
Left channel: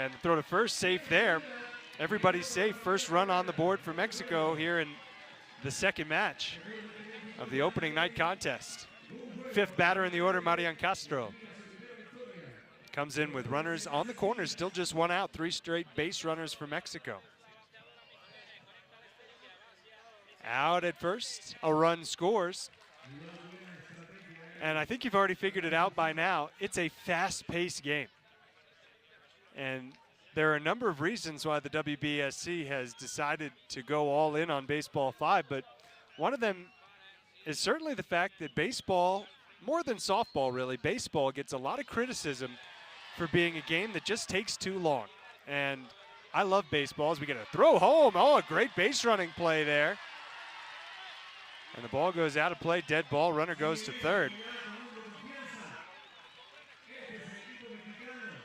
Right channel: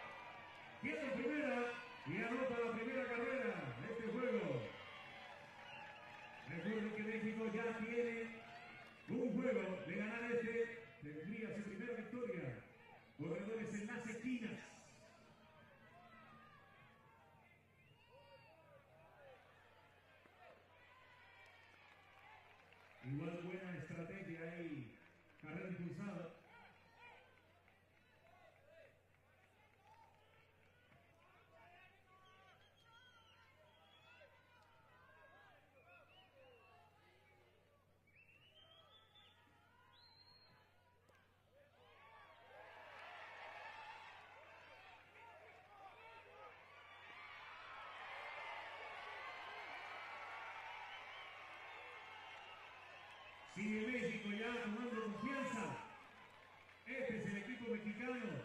And throw to first, safe there. Everybody's safe. First run on the board for Mexico here in the second match of the opening night contest. 5th batter in the order, Marian Castro. Comes in with runners on the corners, still just 1 out, 3 straight base runners for Mexico. Out at first, a run scores. And I think you've already figured it out by now. It's a fast-paced game. And there are a number of reasons why the WBSC has decided to go all in on Baseball 5, but one of them is certainly the fact that baseball, more than softball really, baseball gets a lot of criticism for being a game that just takes too long. And I love baseball as we get a throw home. Oh, a great base running play there. And the ball goes out of play, dead ball, runner goes to third.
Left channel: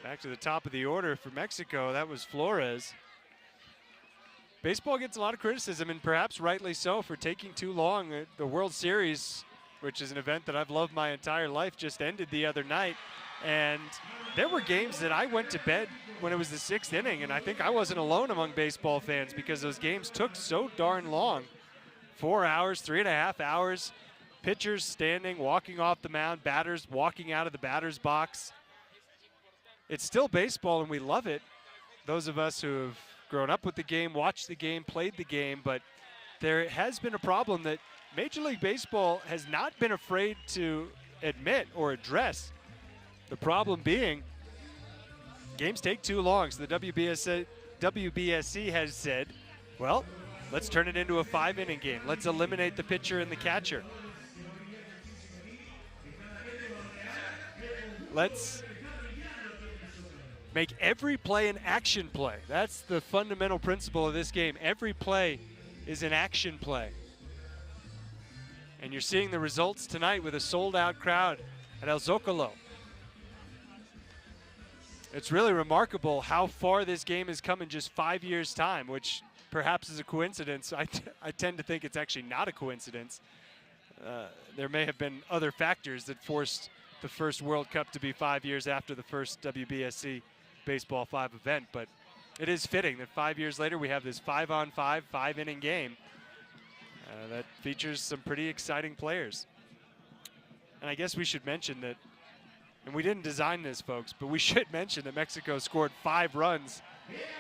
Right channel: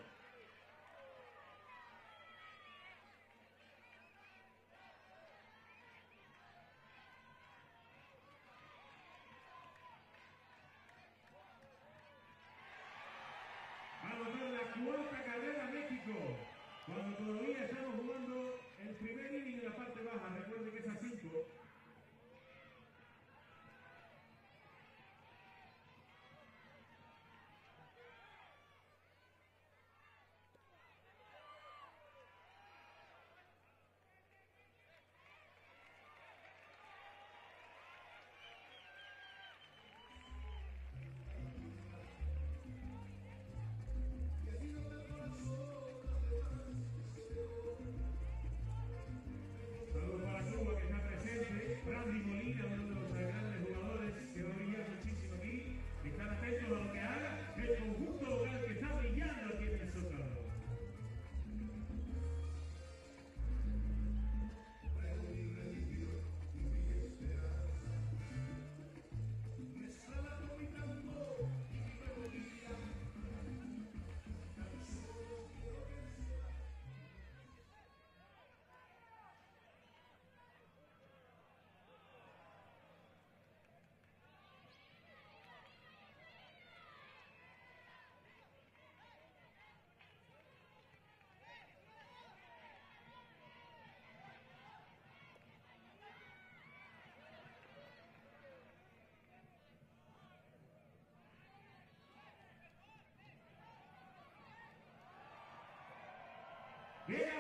Back to the top of the order for Mexico, that was Flores. Baseball gets a lot of criticism, and perhaps rightly so, for taking too long. The World Series, which is an event that I've loved my entire life, just ended the other night. And there were games that I went to bed when it was the 6th inning, and I think I wasn't alone among baseball fans because those games took so darn long. 4 hours, 3.5 hours, pitchers standing, walking off the mound, batters walking out of the batter's box. It's still baseball, and we love it. Those of us who have grown up with the game, watched the game, played the game, but there has been a problem that Major League Baseball has not been afraid to admit or address. The problem being games take too long, so the WBSC has said, well, let's turn it into a 5-inning game. Let's eliminate the pitcher and the catcher. Let's make every play an action play. That's the fundamental principle of this game. Every play is an action play. And you're seeing the results tonight with a sold-out crowd at El Zócalo. It's really remarkable how far this game has come in just 5 years' time, which perhaps is a coincidence. I tend to think it's actually not a coincidence. There may have been other factors that forced the first World Cup to be 5 years after the first WBSC Baseball 5 event, but it is fitting that 5 years later we have this 5-on-5, 5-inning game that features some pretty exciting players. And I guess we should mention that, and we didn't design this, folks, but we should mention that Mexico scored 5 runs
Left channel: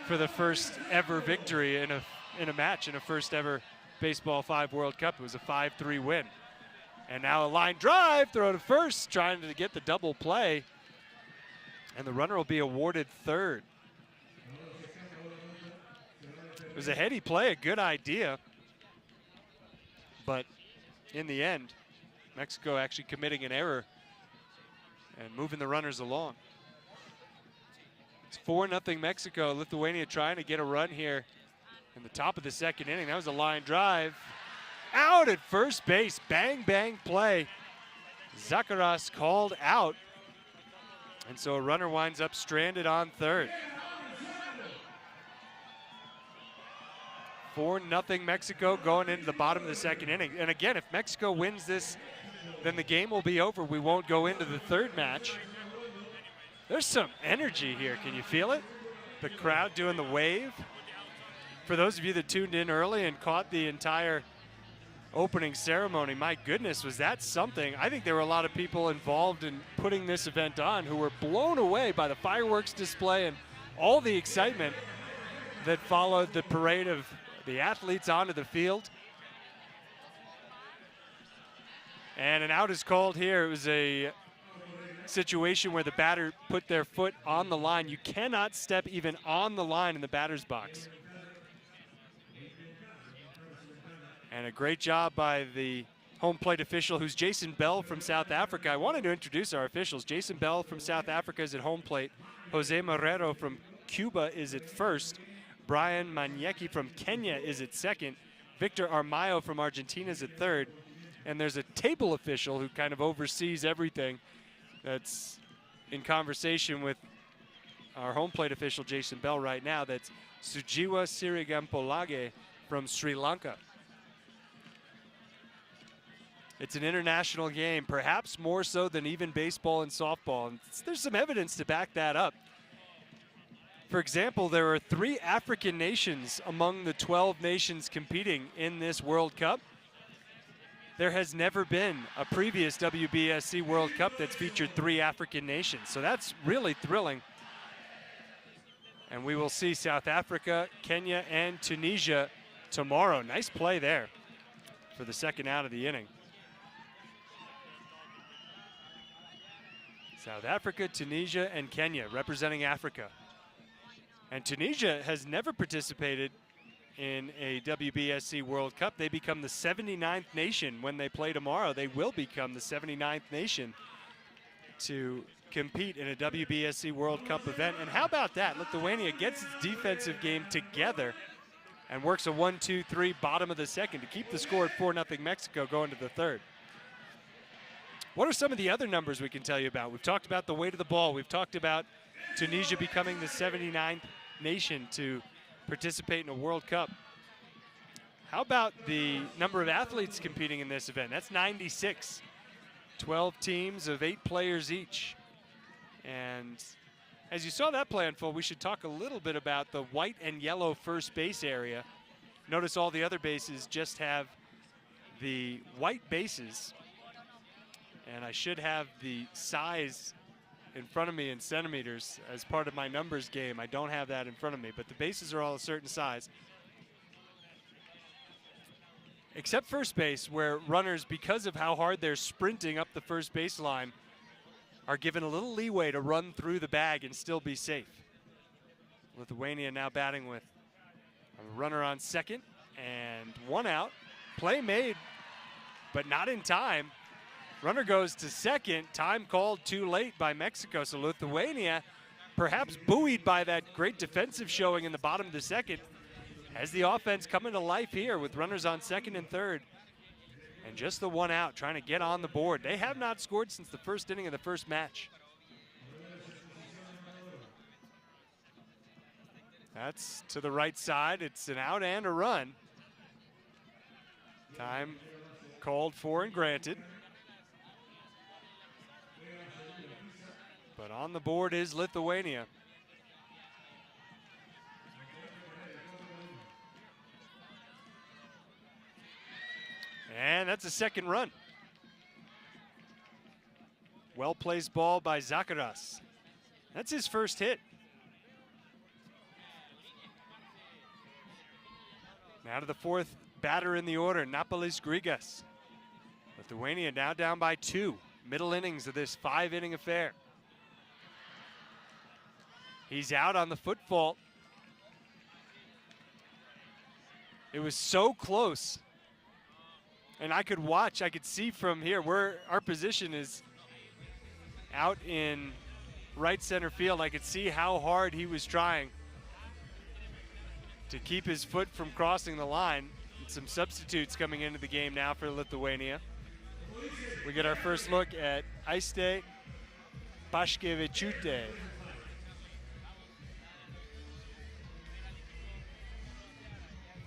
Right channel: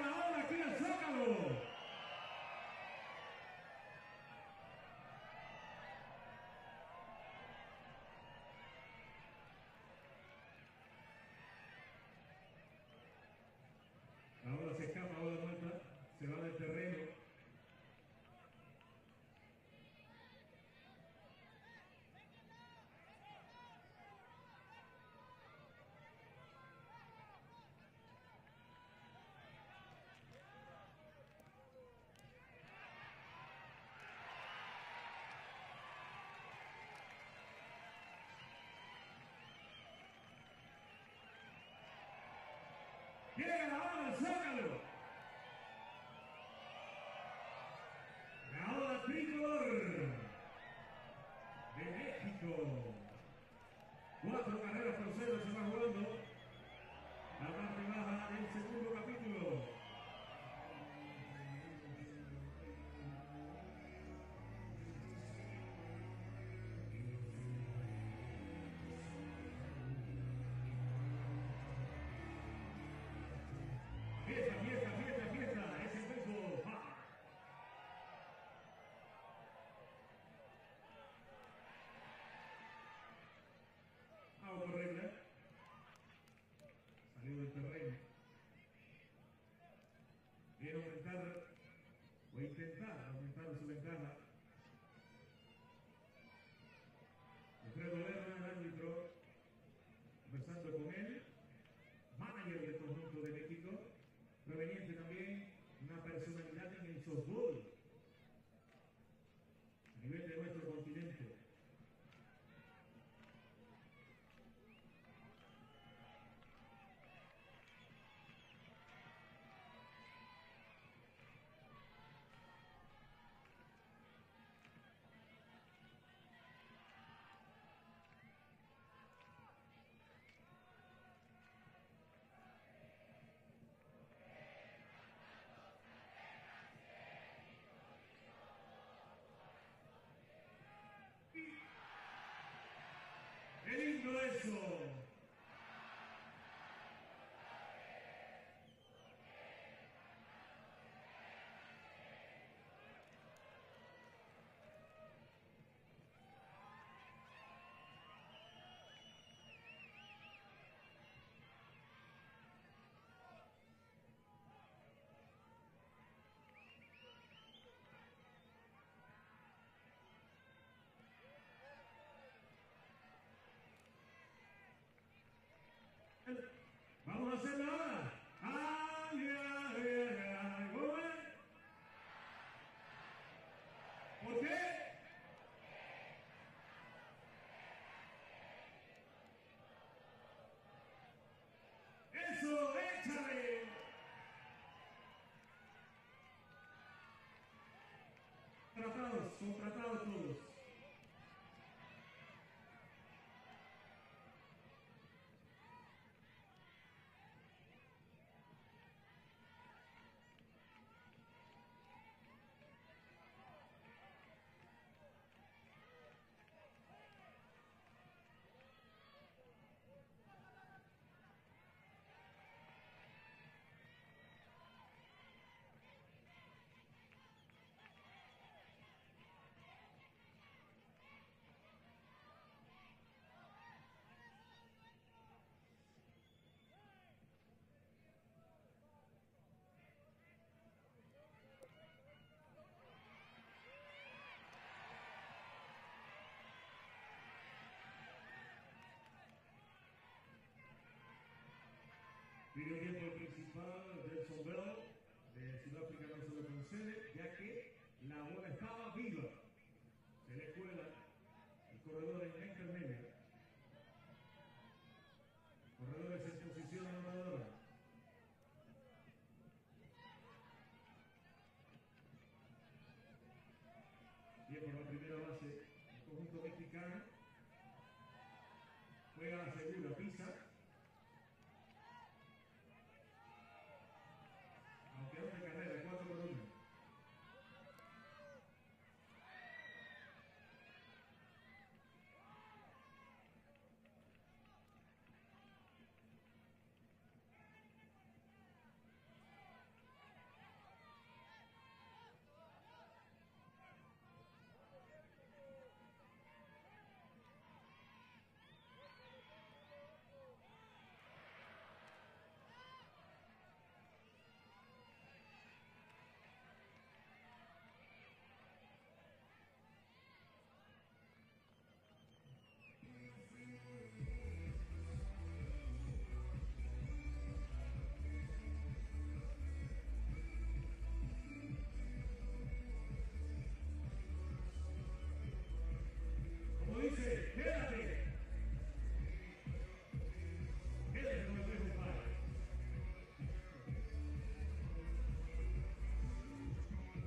for the first ever victory in a match in a first ever Baseball 5 World Cup. It was a 5-3 win. And now a line drive, throw to first, trying to get the double play. And the runner will be awarded third. It was a heady play, a good idea. But in the end, Mexico actually committing an error and moving the runners along. It's 4-0 Mexico. Lithuania trying to get a run here in the top of the second inning. That was a line drive. Out at first base, bang, bang play. Zakaras called out. And so a runner winds up stranded on third. 4-0 Mexico going into the bottom of the second inning. And again, if Mexico wins this, then the game will be over. We won't go into the third match. There's some energy here. Can you feel it? The crowd doing the wave. For those of you that tuned in early and caught the entire opening ceremony, my goodness, was that something. I think there were a lot of people involved in putting this event on who were blown away by the fireworks display and all the excitement that followed the parade of the athletes onto the field. And an out is called here. It was a situation where the batter put their foot on the line. You cannot step even on the line in the batter's box. And a great job by the home plate official, who's Jason Bell from South Africa. I wanted to introduce our officials. Jason Bell from South Africa is at home plate. Jose Marrero from Cuba is at first. Brian Manyeki from Kenya is at second. Victor Armayo from Argentina is at third. And there's a table official who kind of oversees everything that's in conversation with our home plate official, Jason Bell, right now. That's Sujiwa Sirigampolage from Sri Lanka. It's an international game, perhaps more so than even baseball and softball. And there's some evidence to back that up. For example, there are 3 African nations among the 12 nations competing in this World Cup. There has never been a previous WBSC World Cup that's featured 3 African nations. So that's really thrilling. And we will see South Africa, Kenya, and Tunisia tomorrow. Nice play there for the second out of the inning. South Africa, Tunisia, and Kenya representing Africa. And Tunisia has never participated in a WBSC World Cup. They become the 79th nation when they play tomorrow. They will become the 79th nation to compete in a WBSC World Cup event. And how about that? Lithuania gets its defensive game together and works a 1-2-3 bottom of the second to keep the score at 4-0 Mexico going to the third. What are some of the other numbers we can tell you about? We've talked about the weight of the ball. We've talked about Tunisia becoming the 79th nation to participate in a World Cup. How about the number of athletes competing in this event? That's 96. 12 teams of 8 players each. And as you saw that play unfold, we should talk a little bit about the white and yellow first base area. Notice all the other bases just have the white bases. And I should have the size in front of me in centimeters as part of my numbers game. I don't have that in front of me, but the bases are all a certain size. Except first base, where runners, because of how hard they're sprinting up the first baseline, are given a little leeway to run through the bag and still be safe. Lithuania now batting with a runner on second and one out. Play made, but not in time. Runner goes to second. Time called too late by Mexico. So Lithuania, perhaps buoyed by that great defensive showing in the bottom of the second, has the offense coming to life here with runners on second and third. And just the one out, trying to get on the board. They have not scored since the first inning of the first match. That's to the right side. It's an out and a run. Time called for and granted. But on the board is Lithuania. And that's a second run. Well-placed ball by Zakaras. That's his first hit. Now to the fourth batter in the order, Napolis Grigas. Lithuania now down by 2. Middle innings of this 5-inning affair. He's out on the foot fault. It was so close. And I could watch, I could see from here where our position is out in right center field. I could see how hard he was trying to keep his foot from crossing the line. Some substitutes coming into the game now for Lithuania. We get our first look at Aiste Paškevičiūtė.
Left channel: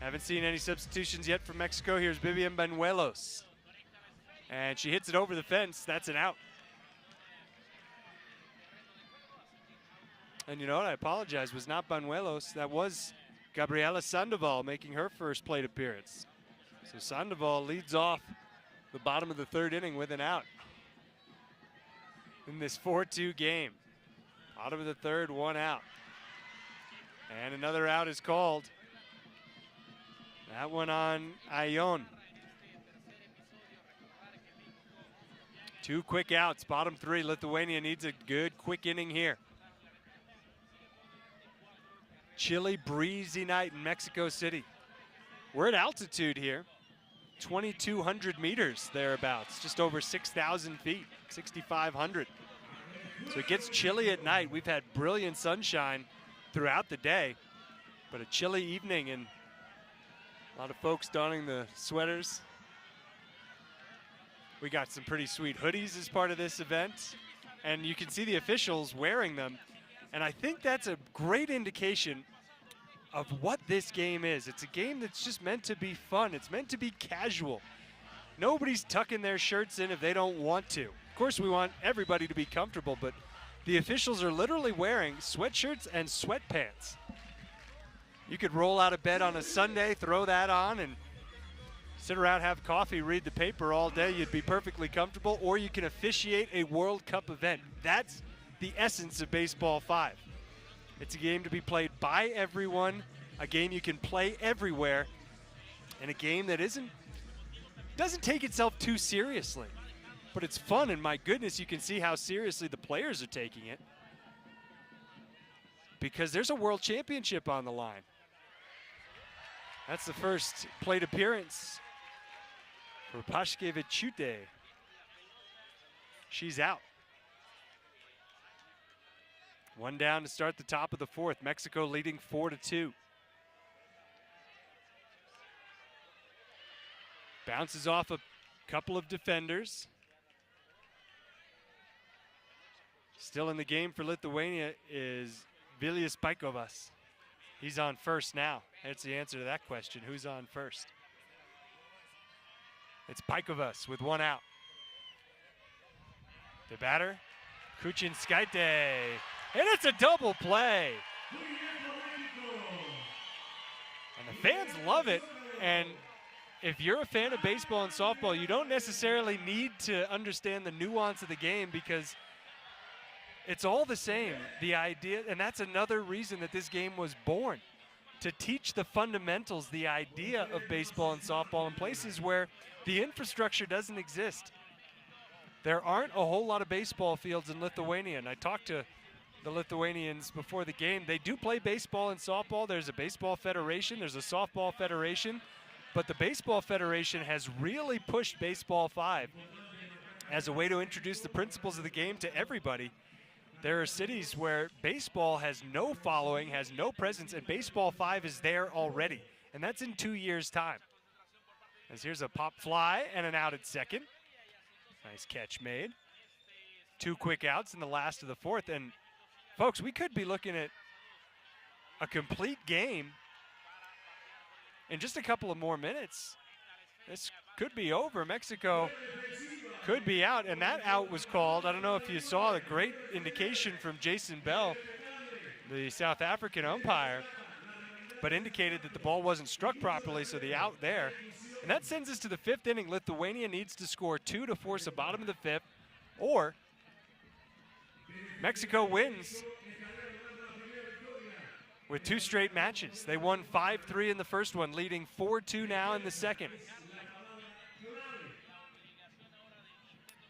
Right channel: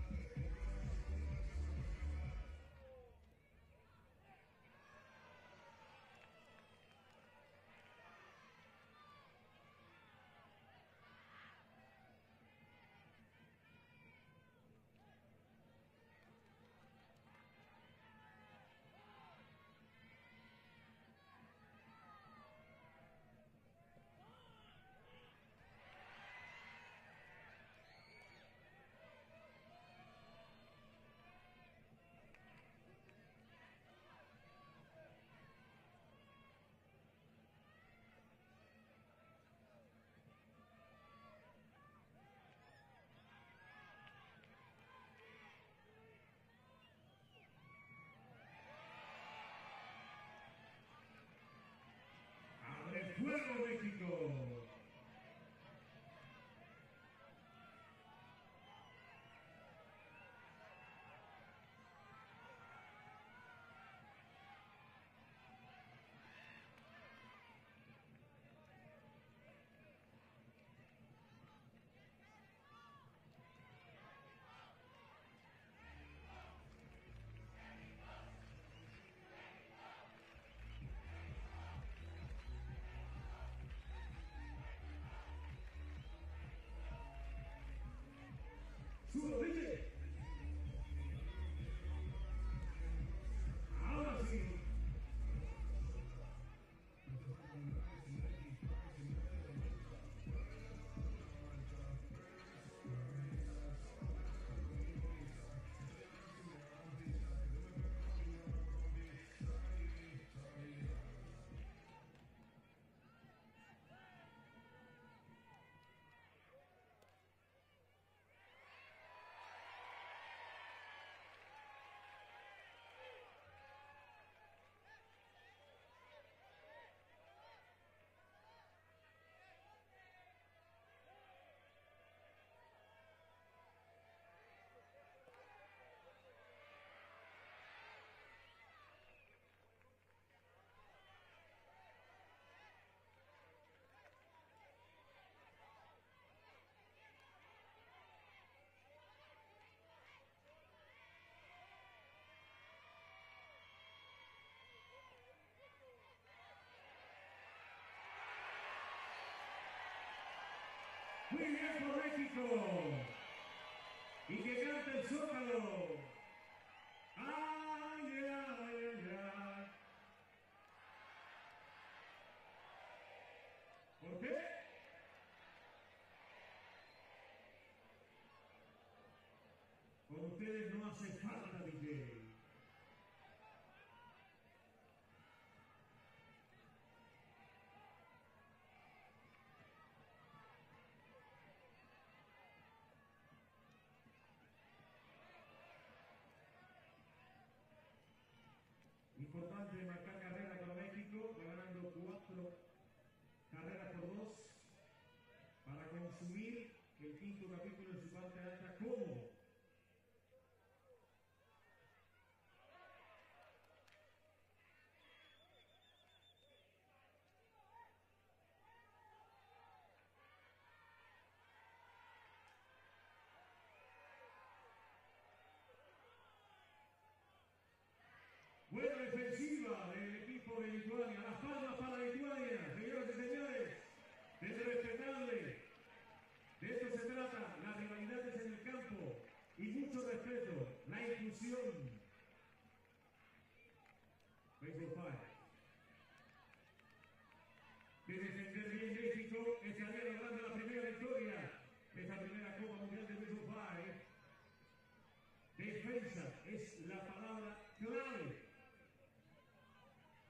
Haven't seen any substitutions yet from Mexico. Here's Vivian Banuelos. And she hits it over the fence. That's an out. And you know what? I apologize. It was not Banuelos. That was Gabriela Sandoval making her first plate appearance. So Sandoval leads off the bottom of the third inning with an out in this 4-2 game. Bottom of the third, one out. And another out is called. That one on Ayon. 2 quick outs, bottom 3. Lithuania needs a good quick inning here. Chilly, breezy night in Mexico City. We're at altitude here, 2,200 meters thereabouts, just over 6,000 feet, 6,500. So it gets chilly at night. We've had brilliant sunshine throughout the day, but a chilly evening and a lot of folks donning the sweaters. We got some pretty sweet hoodies as part of this event, and you can see the officials wearing them. And I think that's a great indication of what this game is. It's a game that's just meant to be fun. It's meant to be casual. Nobody's tucking their shirts in if they don't want to. Of course, we want everybody to be comfortable, but the officials are literally wearing sweatshirts and sweatpants. You could roll out of bed on a Sunday, throw that on, and sit around, have coffee, read the paper all day. You'd be perfectly comfortable. Or you can officiate a World Cup event. That's the essence of Baseball 5. It's a game to be played by everyone, a game you can play everywhere, and a game that doesn't take itself too seriously. But it's fun, and my goodness, you can see how seriously the players are taking it, because there's a world championship on the line. That's the first plate appearance for Paškevičiūtė. She's out. One down to start the top of the fourth. Mexico leading 4-2. Bounces off a couple of defenders. Still in the game for Lithuania is Vilijas Paikovas. He's on first now. That's the answer to that question. Who's on first? It's Paikovas with one out. The batter, Kuchinskaite. And it's a double play. And the fans love it. And if you're a fan of baseball and softball, you don't necessarily need to understand the nuance of the game, because it's all the same. The idea, and that's another reason that this game was born, to teach the fundamentals, the idea of baseball and softball in places where the infrastructure doesn't exist. There aren't a whole lot of baseball fields in Lithuania, and I talked to the Lithuanians before the game. They do play baseball and softball. There's a baseball federation, there's a softball federation, but the Baseball Federation has really pushed Baseball5 as a way to introduce the principles of the game to everybody. There are cities where baseball has no following, has no presence, and Baseball5 is there already. And that's in 2 years' time. As here's a pop fly and an out at second. Nice catch made. 2 quick outs in the last of the fourth. And folks, we could be looking at a complete game in just a couple of more minutes. This could be over. Mexico could be out, and that out was called. I don't know if you saw a great indication from Jason Bell, the South African umpire, but indicated that the ball wasn't struck properly, so the out there. And that sends us to the 5th inning. Lithuania needs to score 2 to force a bottom of the 5th, or Mexico wins with 2 straight matches. They won 5-3 in the first one, leading 4-2 now in the second.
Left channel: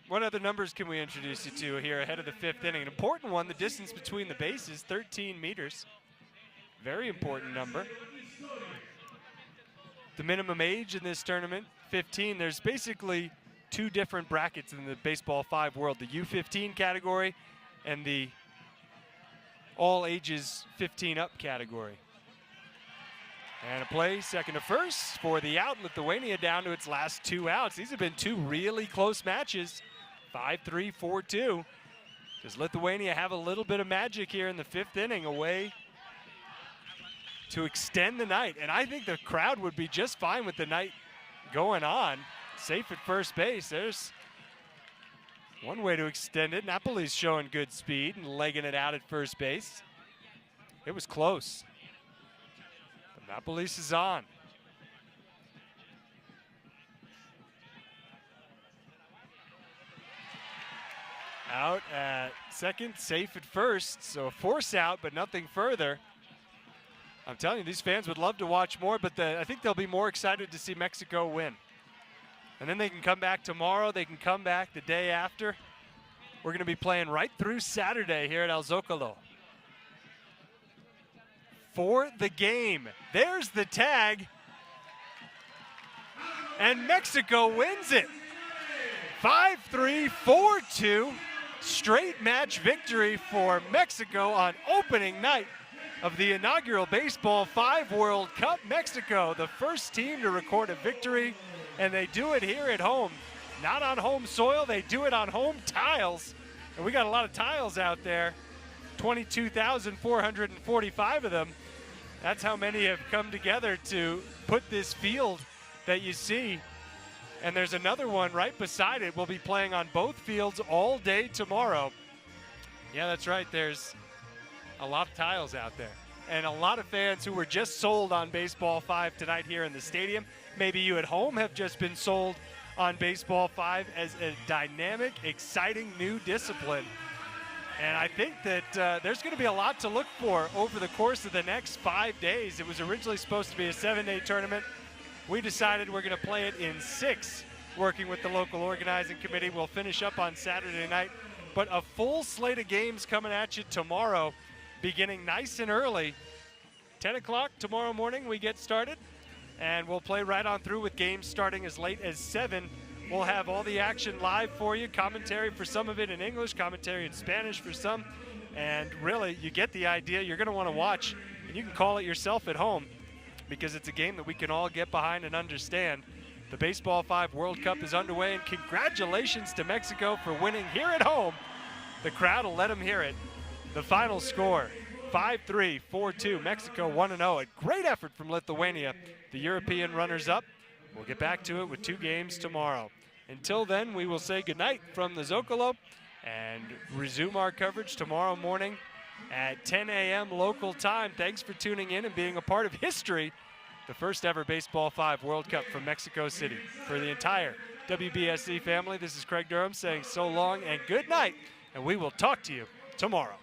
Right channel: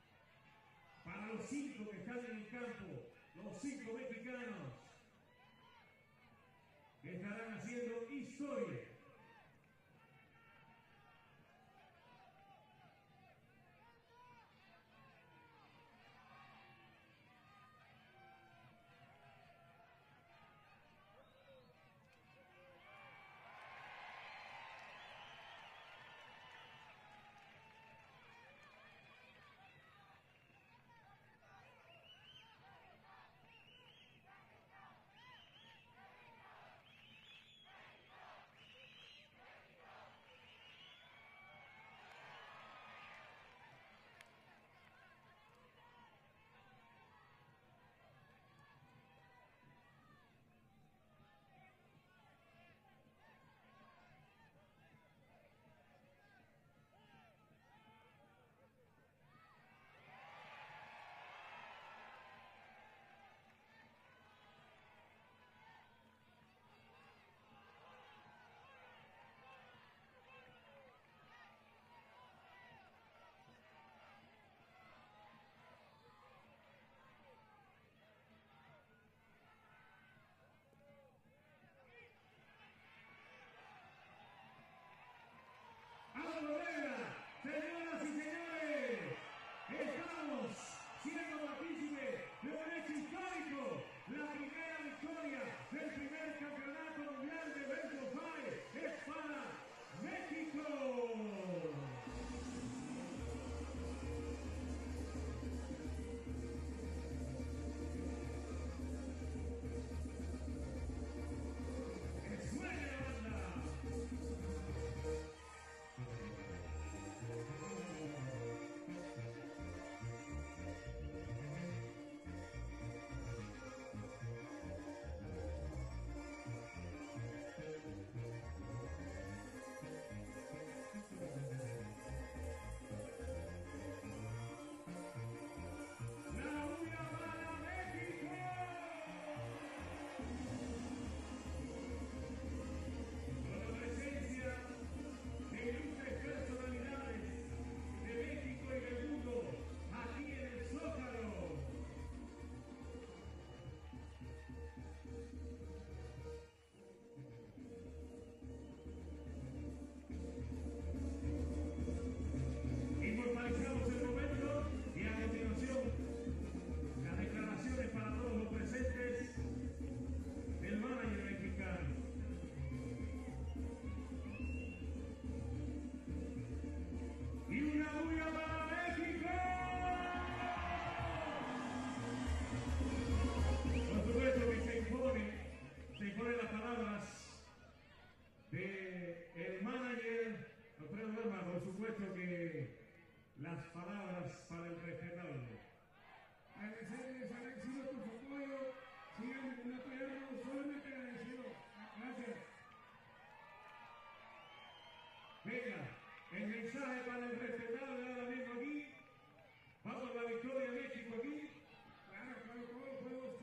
What other numbers can we introduce you to here ahead of the 5th inning? An important one, the distance between the bases, 13 meters. Very important number. The minimum age in this tournament, 15. There's basically 2 different brackets in the Baseball5 world, the U15 category and the all ages 15 up category. And a play, second to first for the out. Lithuania down to its last 2 outs. These have been 2 really close matches, 5-3, 4-2. Does Lithuania have a little bit of magic here in the 5th inning, away to extend the night? And I think the crowd would be just fine with the night going on. Safe at first base. There's one way to extend it. Napoli's showing good speed and legging it out at first base. It was close. But Napolis is on. Out at second, safe at first. So a force out, but nothing further. I'm telling you, these fans would love to watch more, but I think they'll be more excited to see Mexico win. And then they can come back tomorrow. They can come back the day after. We're going to be playing right through Saturday here at El Zócalo. For the game. There's the tag. And Mexico wins it. 5-3, 4-2. Straight match victory for Mexico on opening night of the inaugural Baseball5 World Cup. Mexico, the first team to record a victory, and they do it here at home. Not on home soil, they do it on home tiles. And we got a lot of tiles out there, 22,445 of them. That's how many have come together to put this field that you see. And there's another one right beside it. We'll be playing on both fields all day tomorrow. Yeah, that's right. There's a lot of tiles out there. And a lot of fans who were just sold on Baseball5 tonight here in the stadium. Maybe you at home have just been sold on Baseball5 as a dynamic, exciting new discipline. And I think that there's going to be a lot to look for over the course of the next 5 days. It was originally supposed to be a 7-day tournament. We decided we're going to play it in 6, working with the local organizing committee. We'll finish up on Saturday night. But a full slate of games coming at you tomorrow, beginning nice and early. 10 o'clock tomorrow morning we get started, and we'll play right on through with games starting as late as 7. We'll have all the action live for you, commentary for some of it in English, commentary in Spanish for some, and really, you get the idea. You're going to want to watch. You can call it yourself at home, because it's a game that we can all get behind and understand. The Baseball5 World Cup is underway, and congratulations to Mexico for winning here at home. The crowd will let them hear it. The final score, 5-3, 4-2, Mexico 1-0. A great effort from Lithuania, the European runners-up. We'll get back to it with 2 games tomorrow. Until then, we will say goodnight from the Zócalo and resume our coverage tomorrow morning at 10 a.m. local time. Thanks for tuning in and being a part of history, the first ever Baseball5 World Cup from Mexico City. For the entire WBSC family, this is Craig Durham saying so long and good night, and we will talk to you tomorrow.